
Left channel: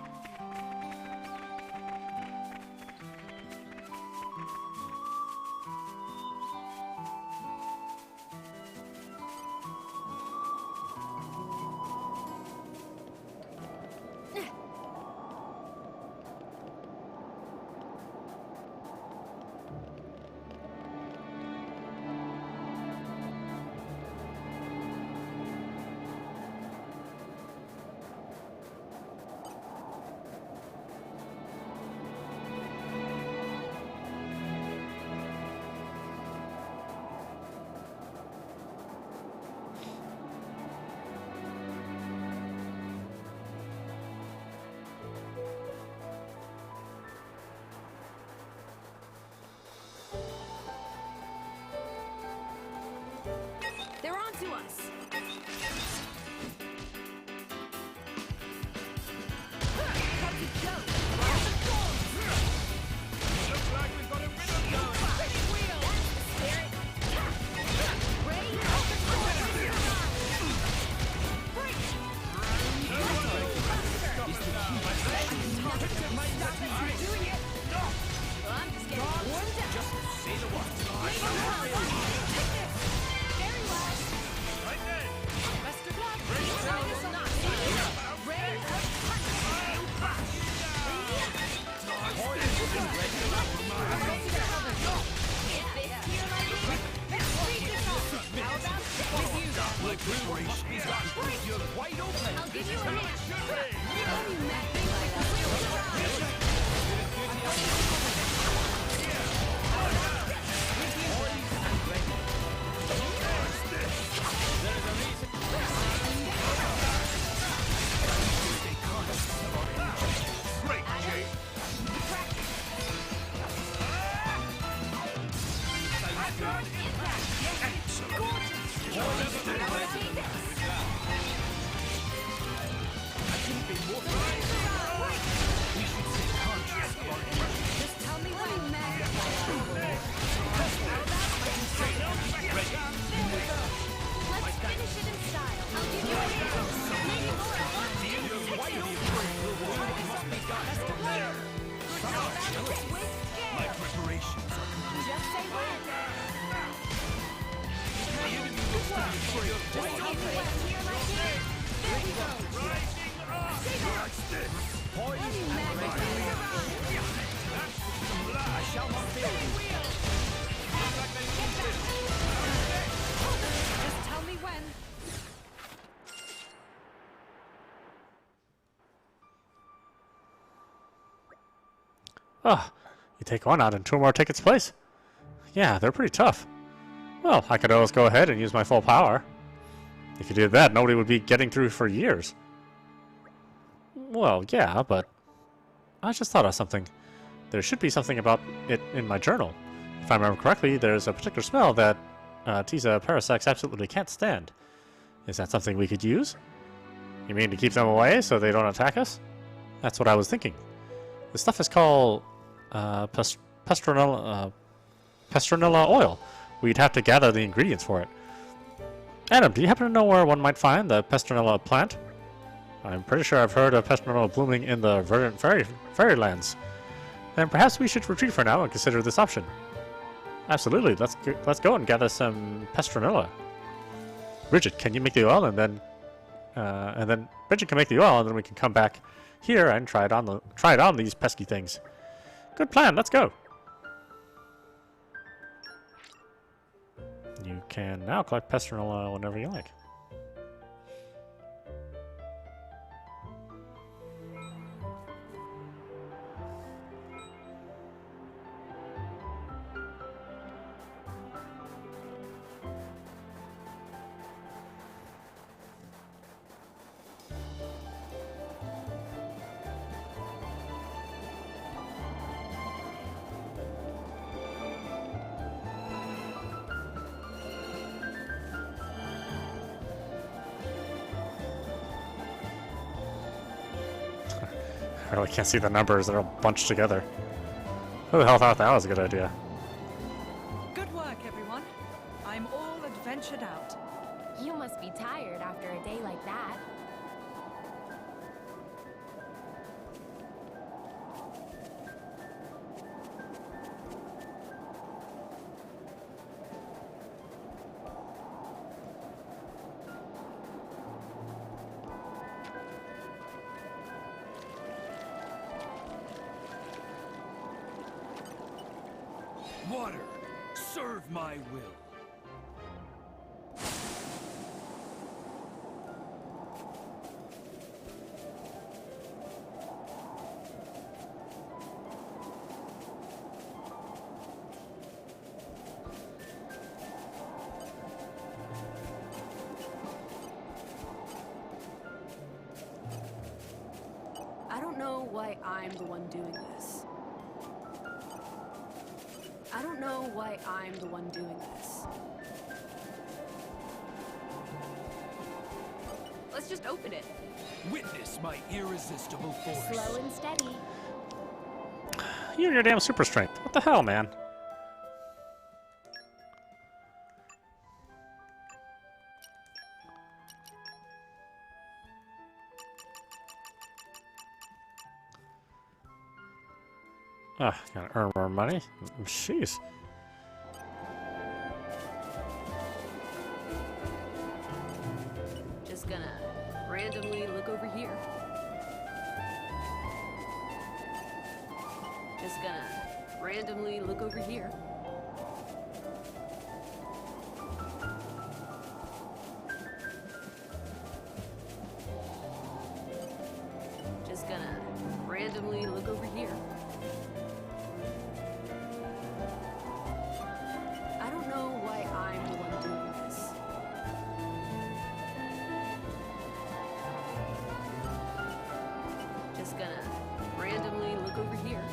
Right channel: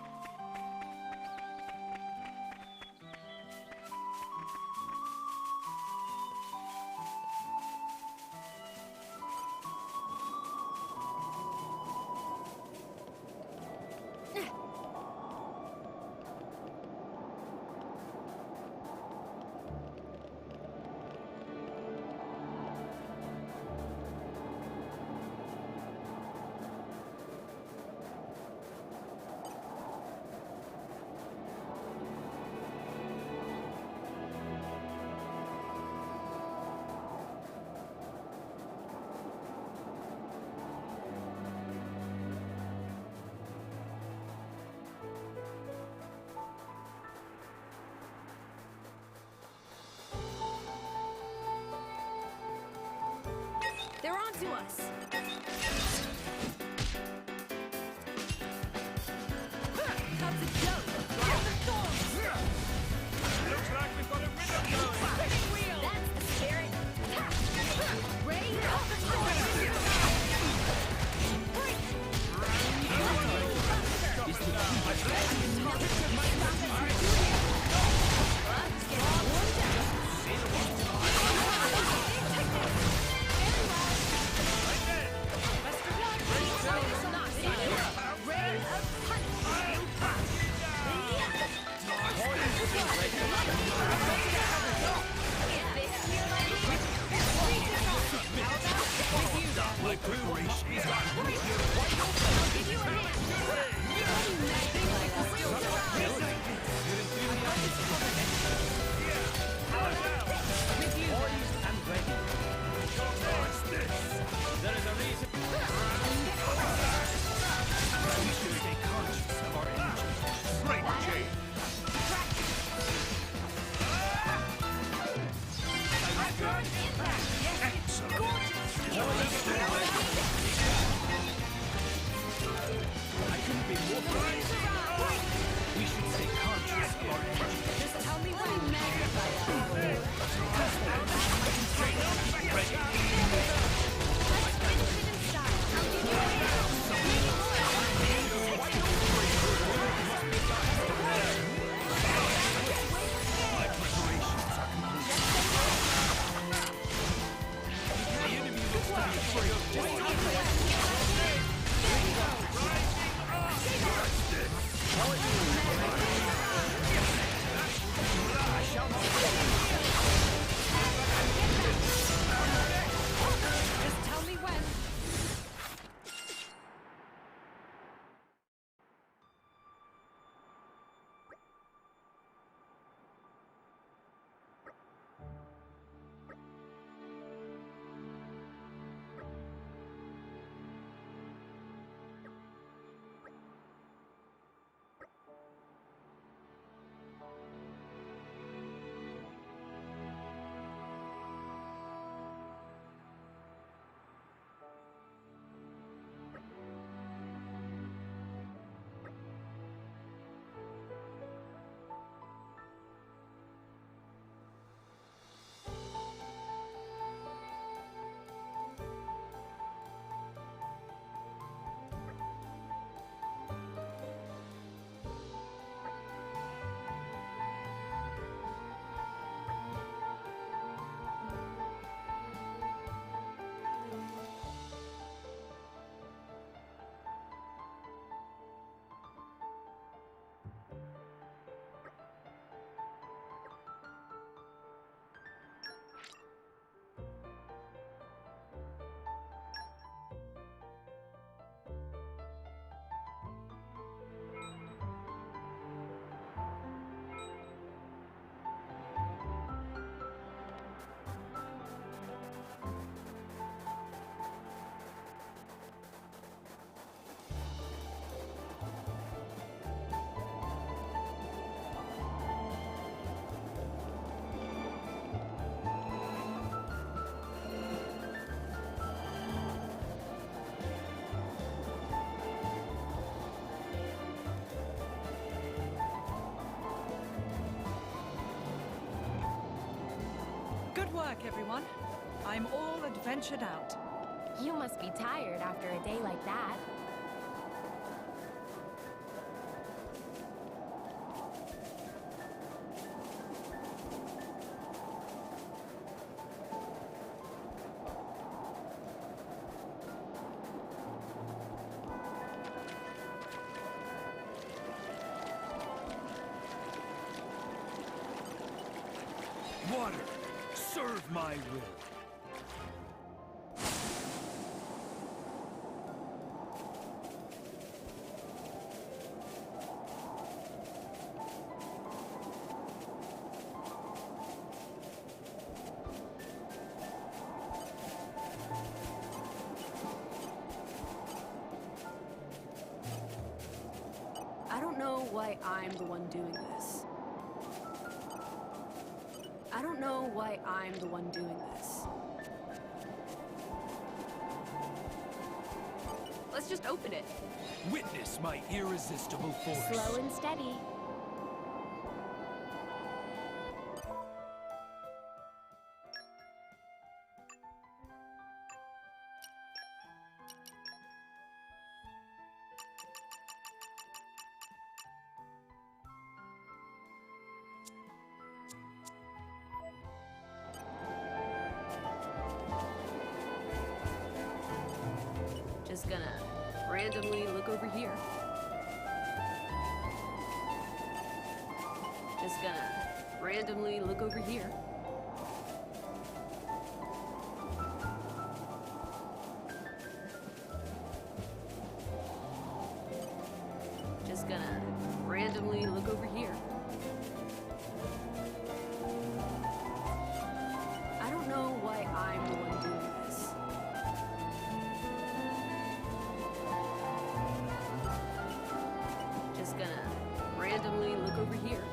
They're on to us. Cut the joke. Right the storms. Looks like we've got a rhythm going. Spinning wheel. That's the spirit. Ray of the storm. Break. Well, I'm just getting warmed up. Just see the one. Take this. Very well. Right then. Best of luck. Ray This down. is not safe. Ray of punch. I'll back you down. Like preparation. You're wide open. I'll give you a hand. Poised and ready. What's this? There is a reason. We should stay conscious of our energy. Great, Jade. I couldn't be more We should stay conscious of our energy. Just tell me when you magnify that. Let's finish it in style. free. Just tell me when. There we go. I shall not fail. Just tell me when. Oh, you take one out and two more take its place. Yeah, they're pretty tough. Well, I could always go ahead and use my full power. If you did that, nobody would be getting through for years. Well, yeah, but I just thought of something. There should be something about it in my journal. If I remember correctly, there's a particular smell that Tiza parasects absolutely can't stand. Is that something we could use? You mean to keep them away so they don't attack us? That's what I was thinking. The stuff is called Pestronella oil. We'd have to gather the ingredients for it. Adam, do you happen to know where one might find the Pestronella plant? I'm pretty sure I've heard of Pestronella blooming in the verdant fairylands. Then perhaps we should retreat for now and consider this option. Absolutely, let's go and gather some Pestronella. Bridget, can you make the oil and then Bridget can make the oil and then we can come back here and try it on these pesky things. Good plan, let's go. You can now collect Pestronella whenever you like. I really can't see the numbers, they're all bunched together. Who the hell thought that was a good idea? Good work, everyone. I'm all adventured out. You must be tired after a day like that. Water, serve my will. I don't know why I'm the one doing this. I don't know why I'm the one doing this. Let's just open it. Witness my irresistible force. Slow and steady. You and your damn super strength. What the hell, man? Ah, gotta earn more money. Jeez. Just gonna randomly look over here. Just gonna randomly look over here. Just gonna randomly look over here. I don't know why I'm the one doing this. Just gonna randomly look over here.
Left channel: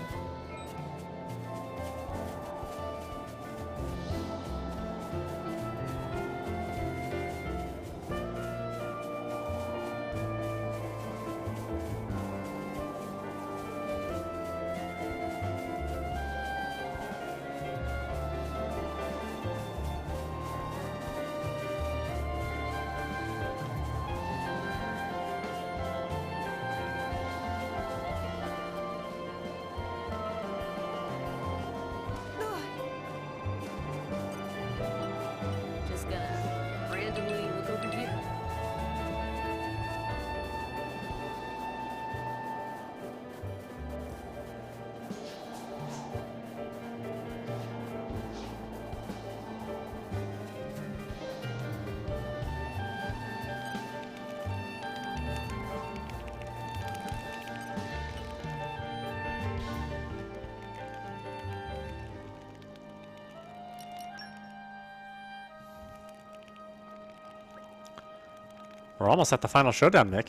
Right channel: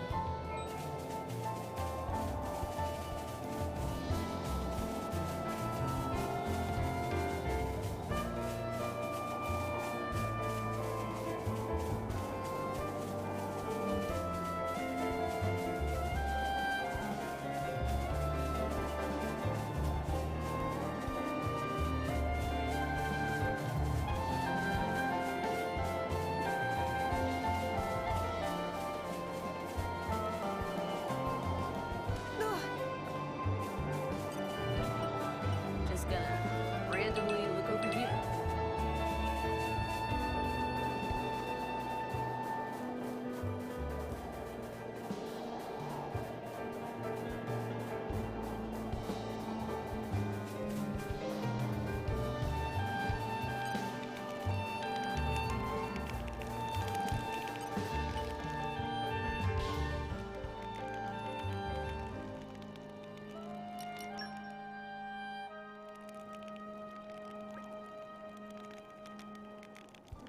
We're almost at the final showdown, Mick.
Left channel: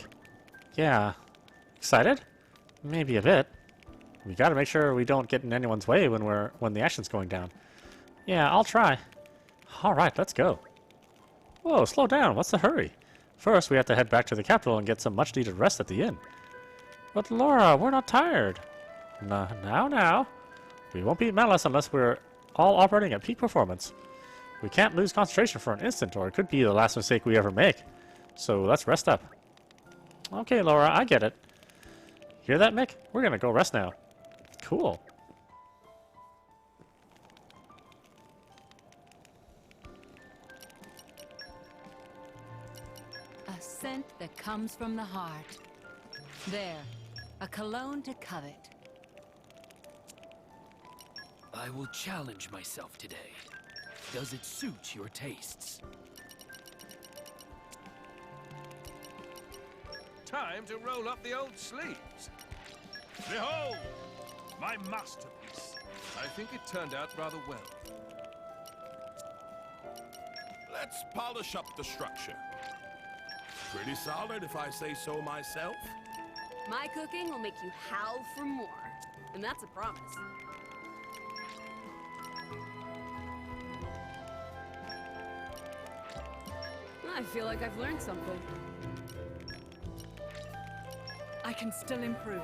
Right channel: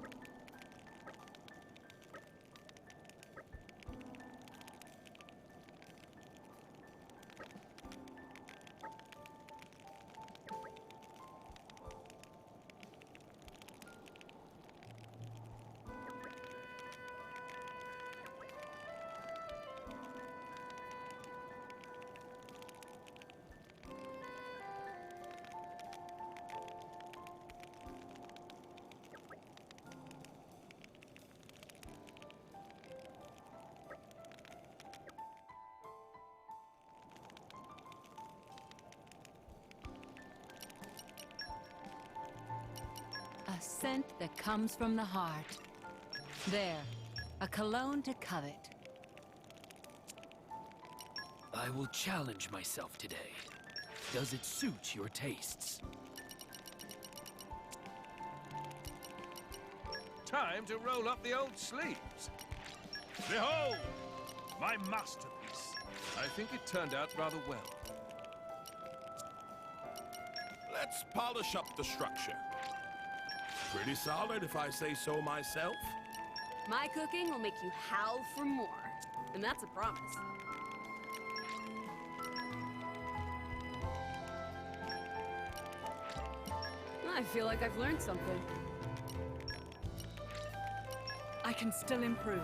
Yeah. Excited? Maybe a bit. We gotta make sure we don't get in anyone's way when the action's going down. Yeah, I'll try. Alright, let's go. Whoa, slow down. What's the hurry? First, we have to head back to the capital and get some much-needed rest at the inn. But Laura, we're not tired. Now. We won't beat Malice unless we're all operating at peak performance. We can't lose concentration for an instant, or it could be the last mistake we ever make. So let's rest up. Okay, Laura, I get it. Hear that, Mick? We're gonna go rest now. Cool. A scent that comes from the heart. There, a cologne to covet. I will challenge myself today. Does it suit your tastes? Time to roll up the old sleeves. Behold, my masterpiece. I think it turned out rather well. Let's polish up the structure. Pretty solid, if I say so myself. My cooking will make you howl for more. And that's a promise. I feel like I've learned something. I can still improve.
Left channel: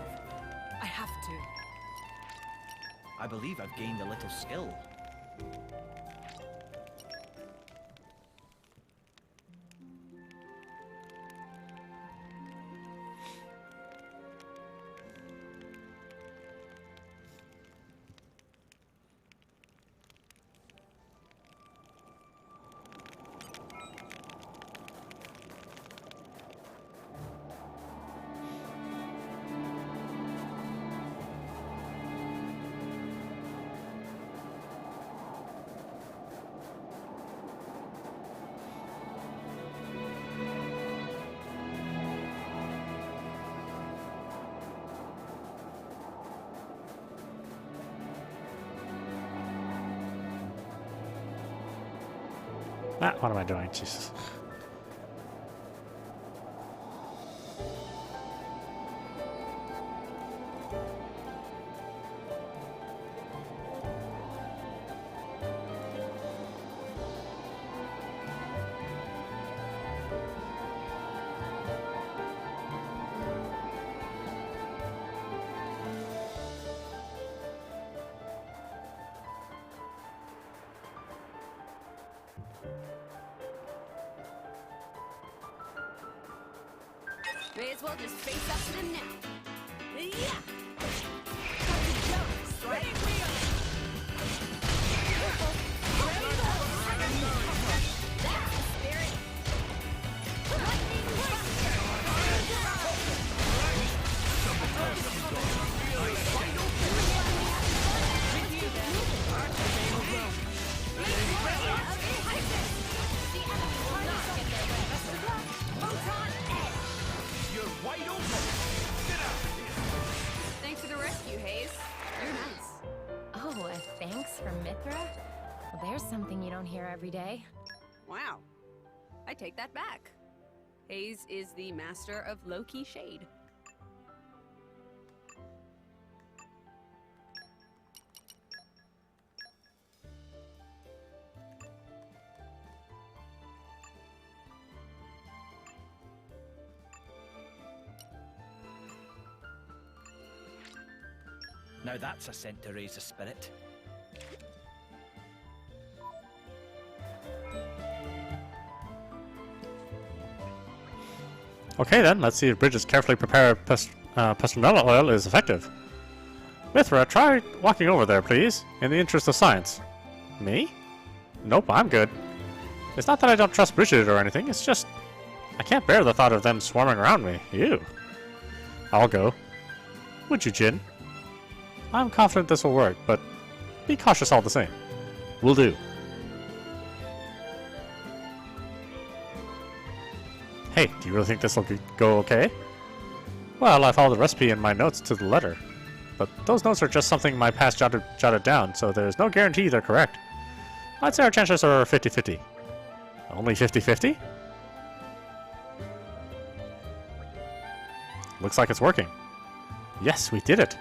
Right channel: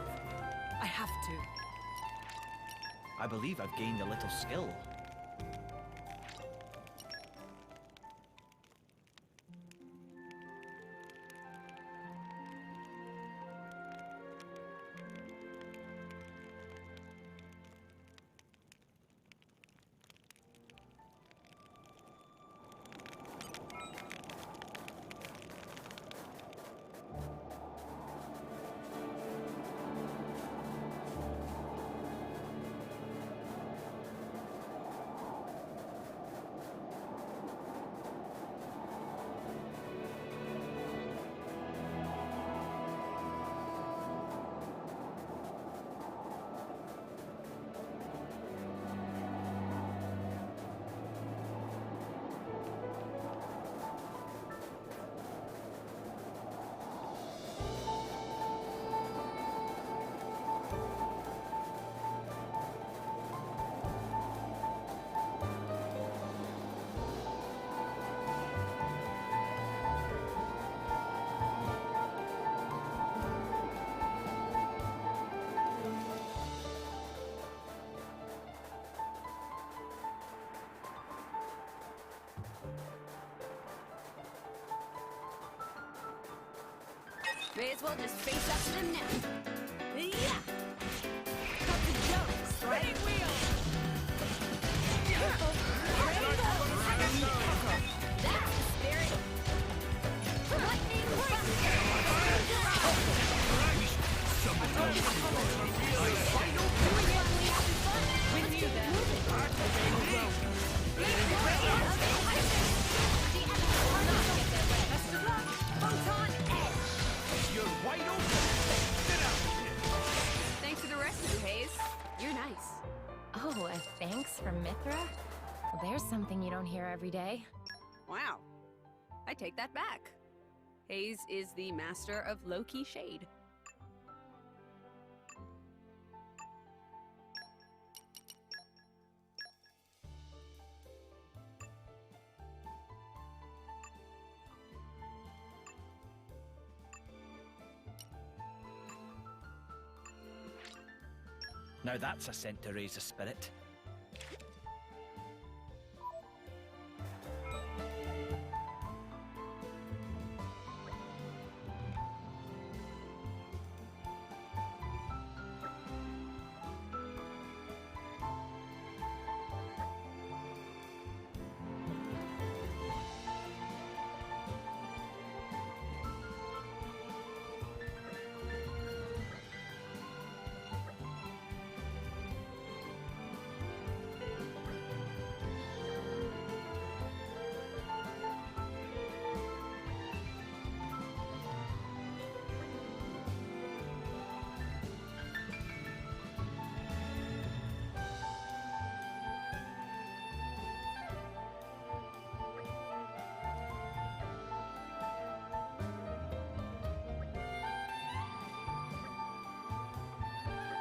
I have to. I believe I've gained a little skill. What am I doing? Jesus. May as well just face up to them now. Yeah! Cut the jokes, right? Careful! Rainbow! That's the spirit! Lightning buster! With you then. Best of luck! Photon edge! You're wide open. Get out of here. Thanks for the rescue, Hayes. You're nice. Oh, a thanks from Mithra? Well, there's something you don't hear every day. Wow. I take that back. Hayes is the master of low-key shade. Now that's a scent to raise the spirit. Okay then, let's see if Bridget's carefully prepared petronella oil is effective. Mithra, try walking over there, please, in the interest of science. Me? Nope, I'm good. It's not that I don't trust Bridget or anything, it's just... I can't bear the thought of them swarming around me. Ew. I'll go. Would you, Jin? I'm confident this will work, but be cautious all the same. Will do. Hey, do you really think this will go okay? Well, I followed the recipe in my notes to the letter. But those notes are just something my past jotted down, so there's no guarantee they're correct. I'd say our chances are 50-50. Only 50-50? Looks like it's working. Yes, we did it.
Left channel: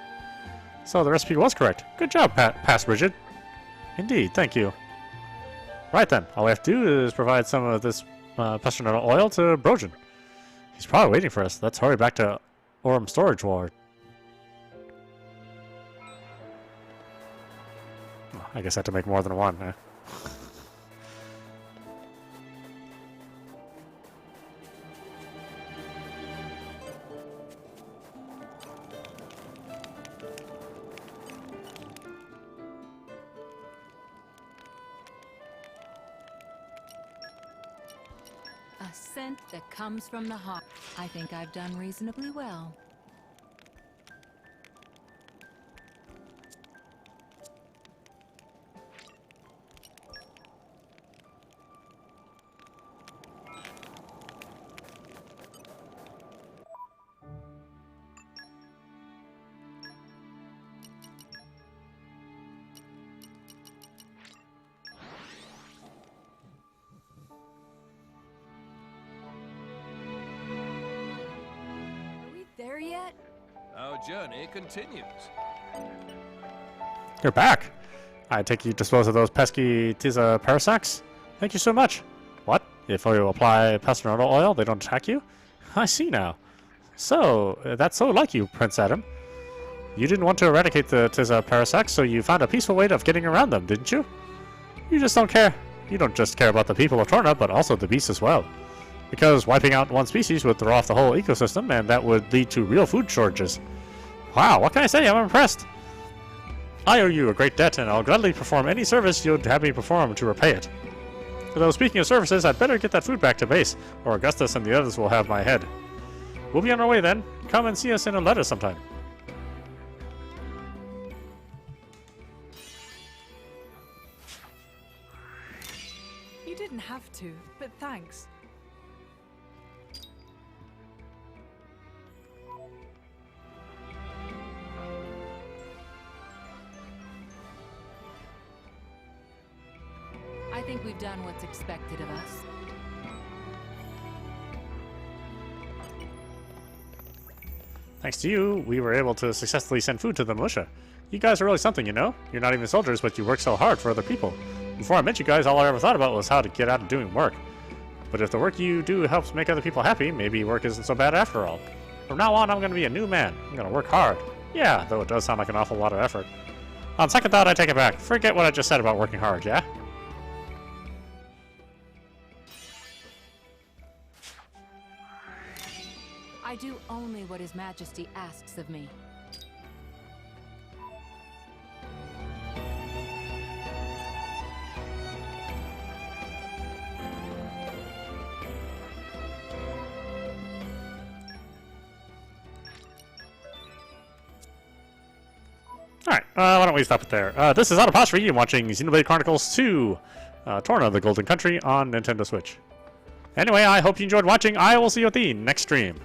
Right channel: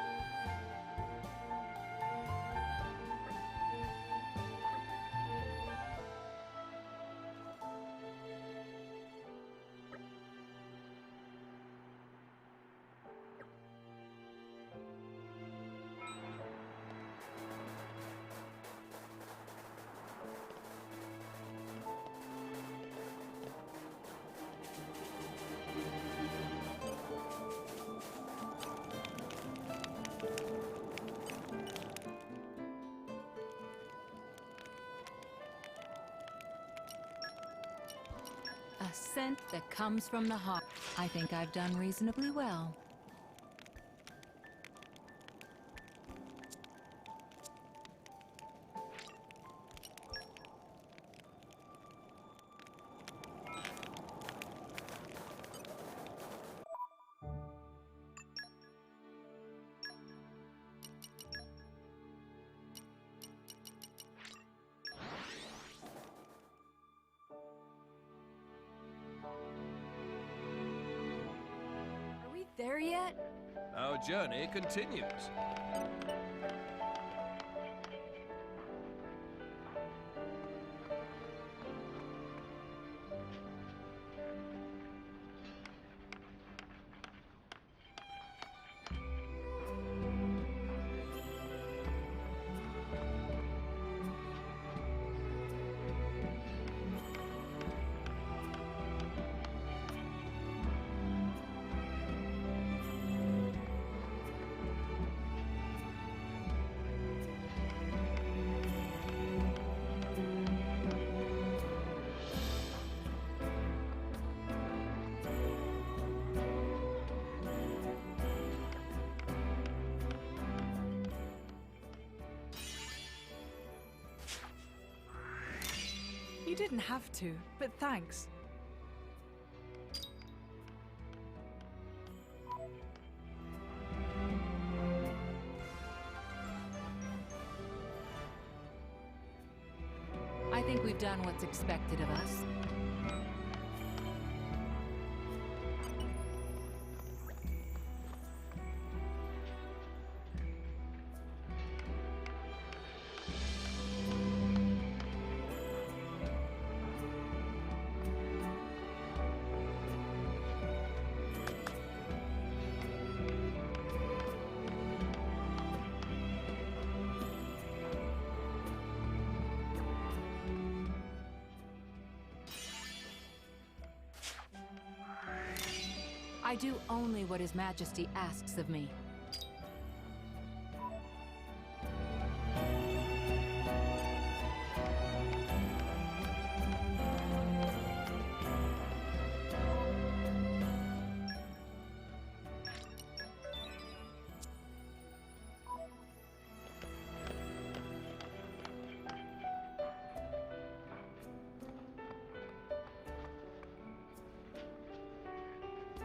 So the recipe was correct. Good job, Past Bridget. Indeed, thank you. Right then, all we have to do is provide some of this P29 oil to Brojan. He's probably waiting for us. Let's hurry back to Orem Storage Ward. Oh, I guess I have to make more than one, huh? A scent that comes from the heart. I think I've done reasonably well. There yet? Our journey continues. You're back. I take you dispose of those pesky Tiza Parasacs? Thank you so much. What? If you apply P29 oil, they don't attack you? I see now. So, that's so like you, Prince Adam. You didn't want to eradicate the Tiza Parasacs, so you found a peaceful way of getting around them, didn't you? You just don't care. You don't just care about the people of Torna, but also the beasts as well. Because wiping out one species would throw off the whole ecosystem, and that would lead to real food shortages. Wow, what can I say? I'm impressed. I owe you a great debt, and I'll gladly perform any service you'd have me perform to repay it. Although speaking of services, I'd better get that food back to base, or Augustus and the others will have my head. We'll be on our way then. Come and see us in a letter sometime. You didn't have to, but thanks. I think we've done what's expected of us. Thanks to you, we were able to successfully send food to the militia. You guys are really something, you know? You're not even soldiers, but you work so hard for other people. Before I met you guys, all I ever thought about was how to get out and doing work. But if the work you do helps make other people happy, maybe work isn't so bad after all. From now on, I'm going to be a new man. I'm going to work hard. Yeah, though it does sound like an awful lot of effort. On second thought, I take it back. Forget what I just said about working hard, yeah? I do only what His Majesty asks of me. Alright, why don't we stop it there? This is audap, and watching Xenoblade Chronicles 2, Torna, the Golden Country on Nintendo Switch. Anyway, I hope you enjoyed watching. I will see you at the next stream.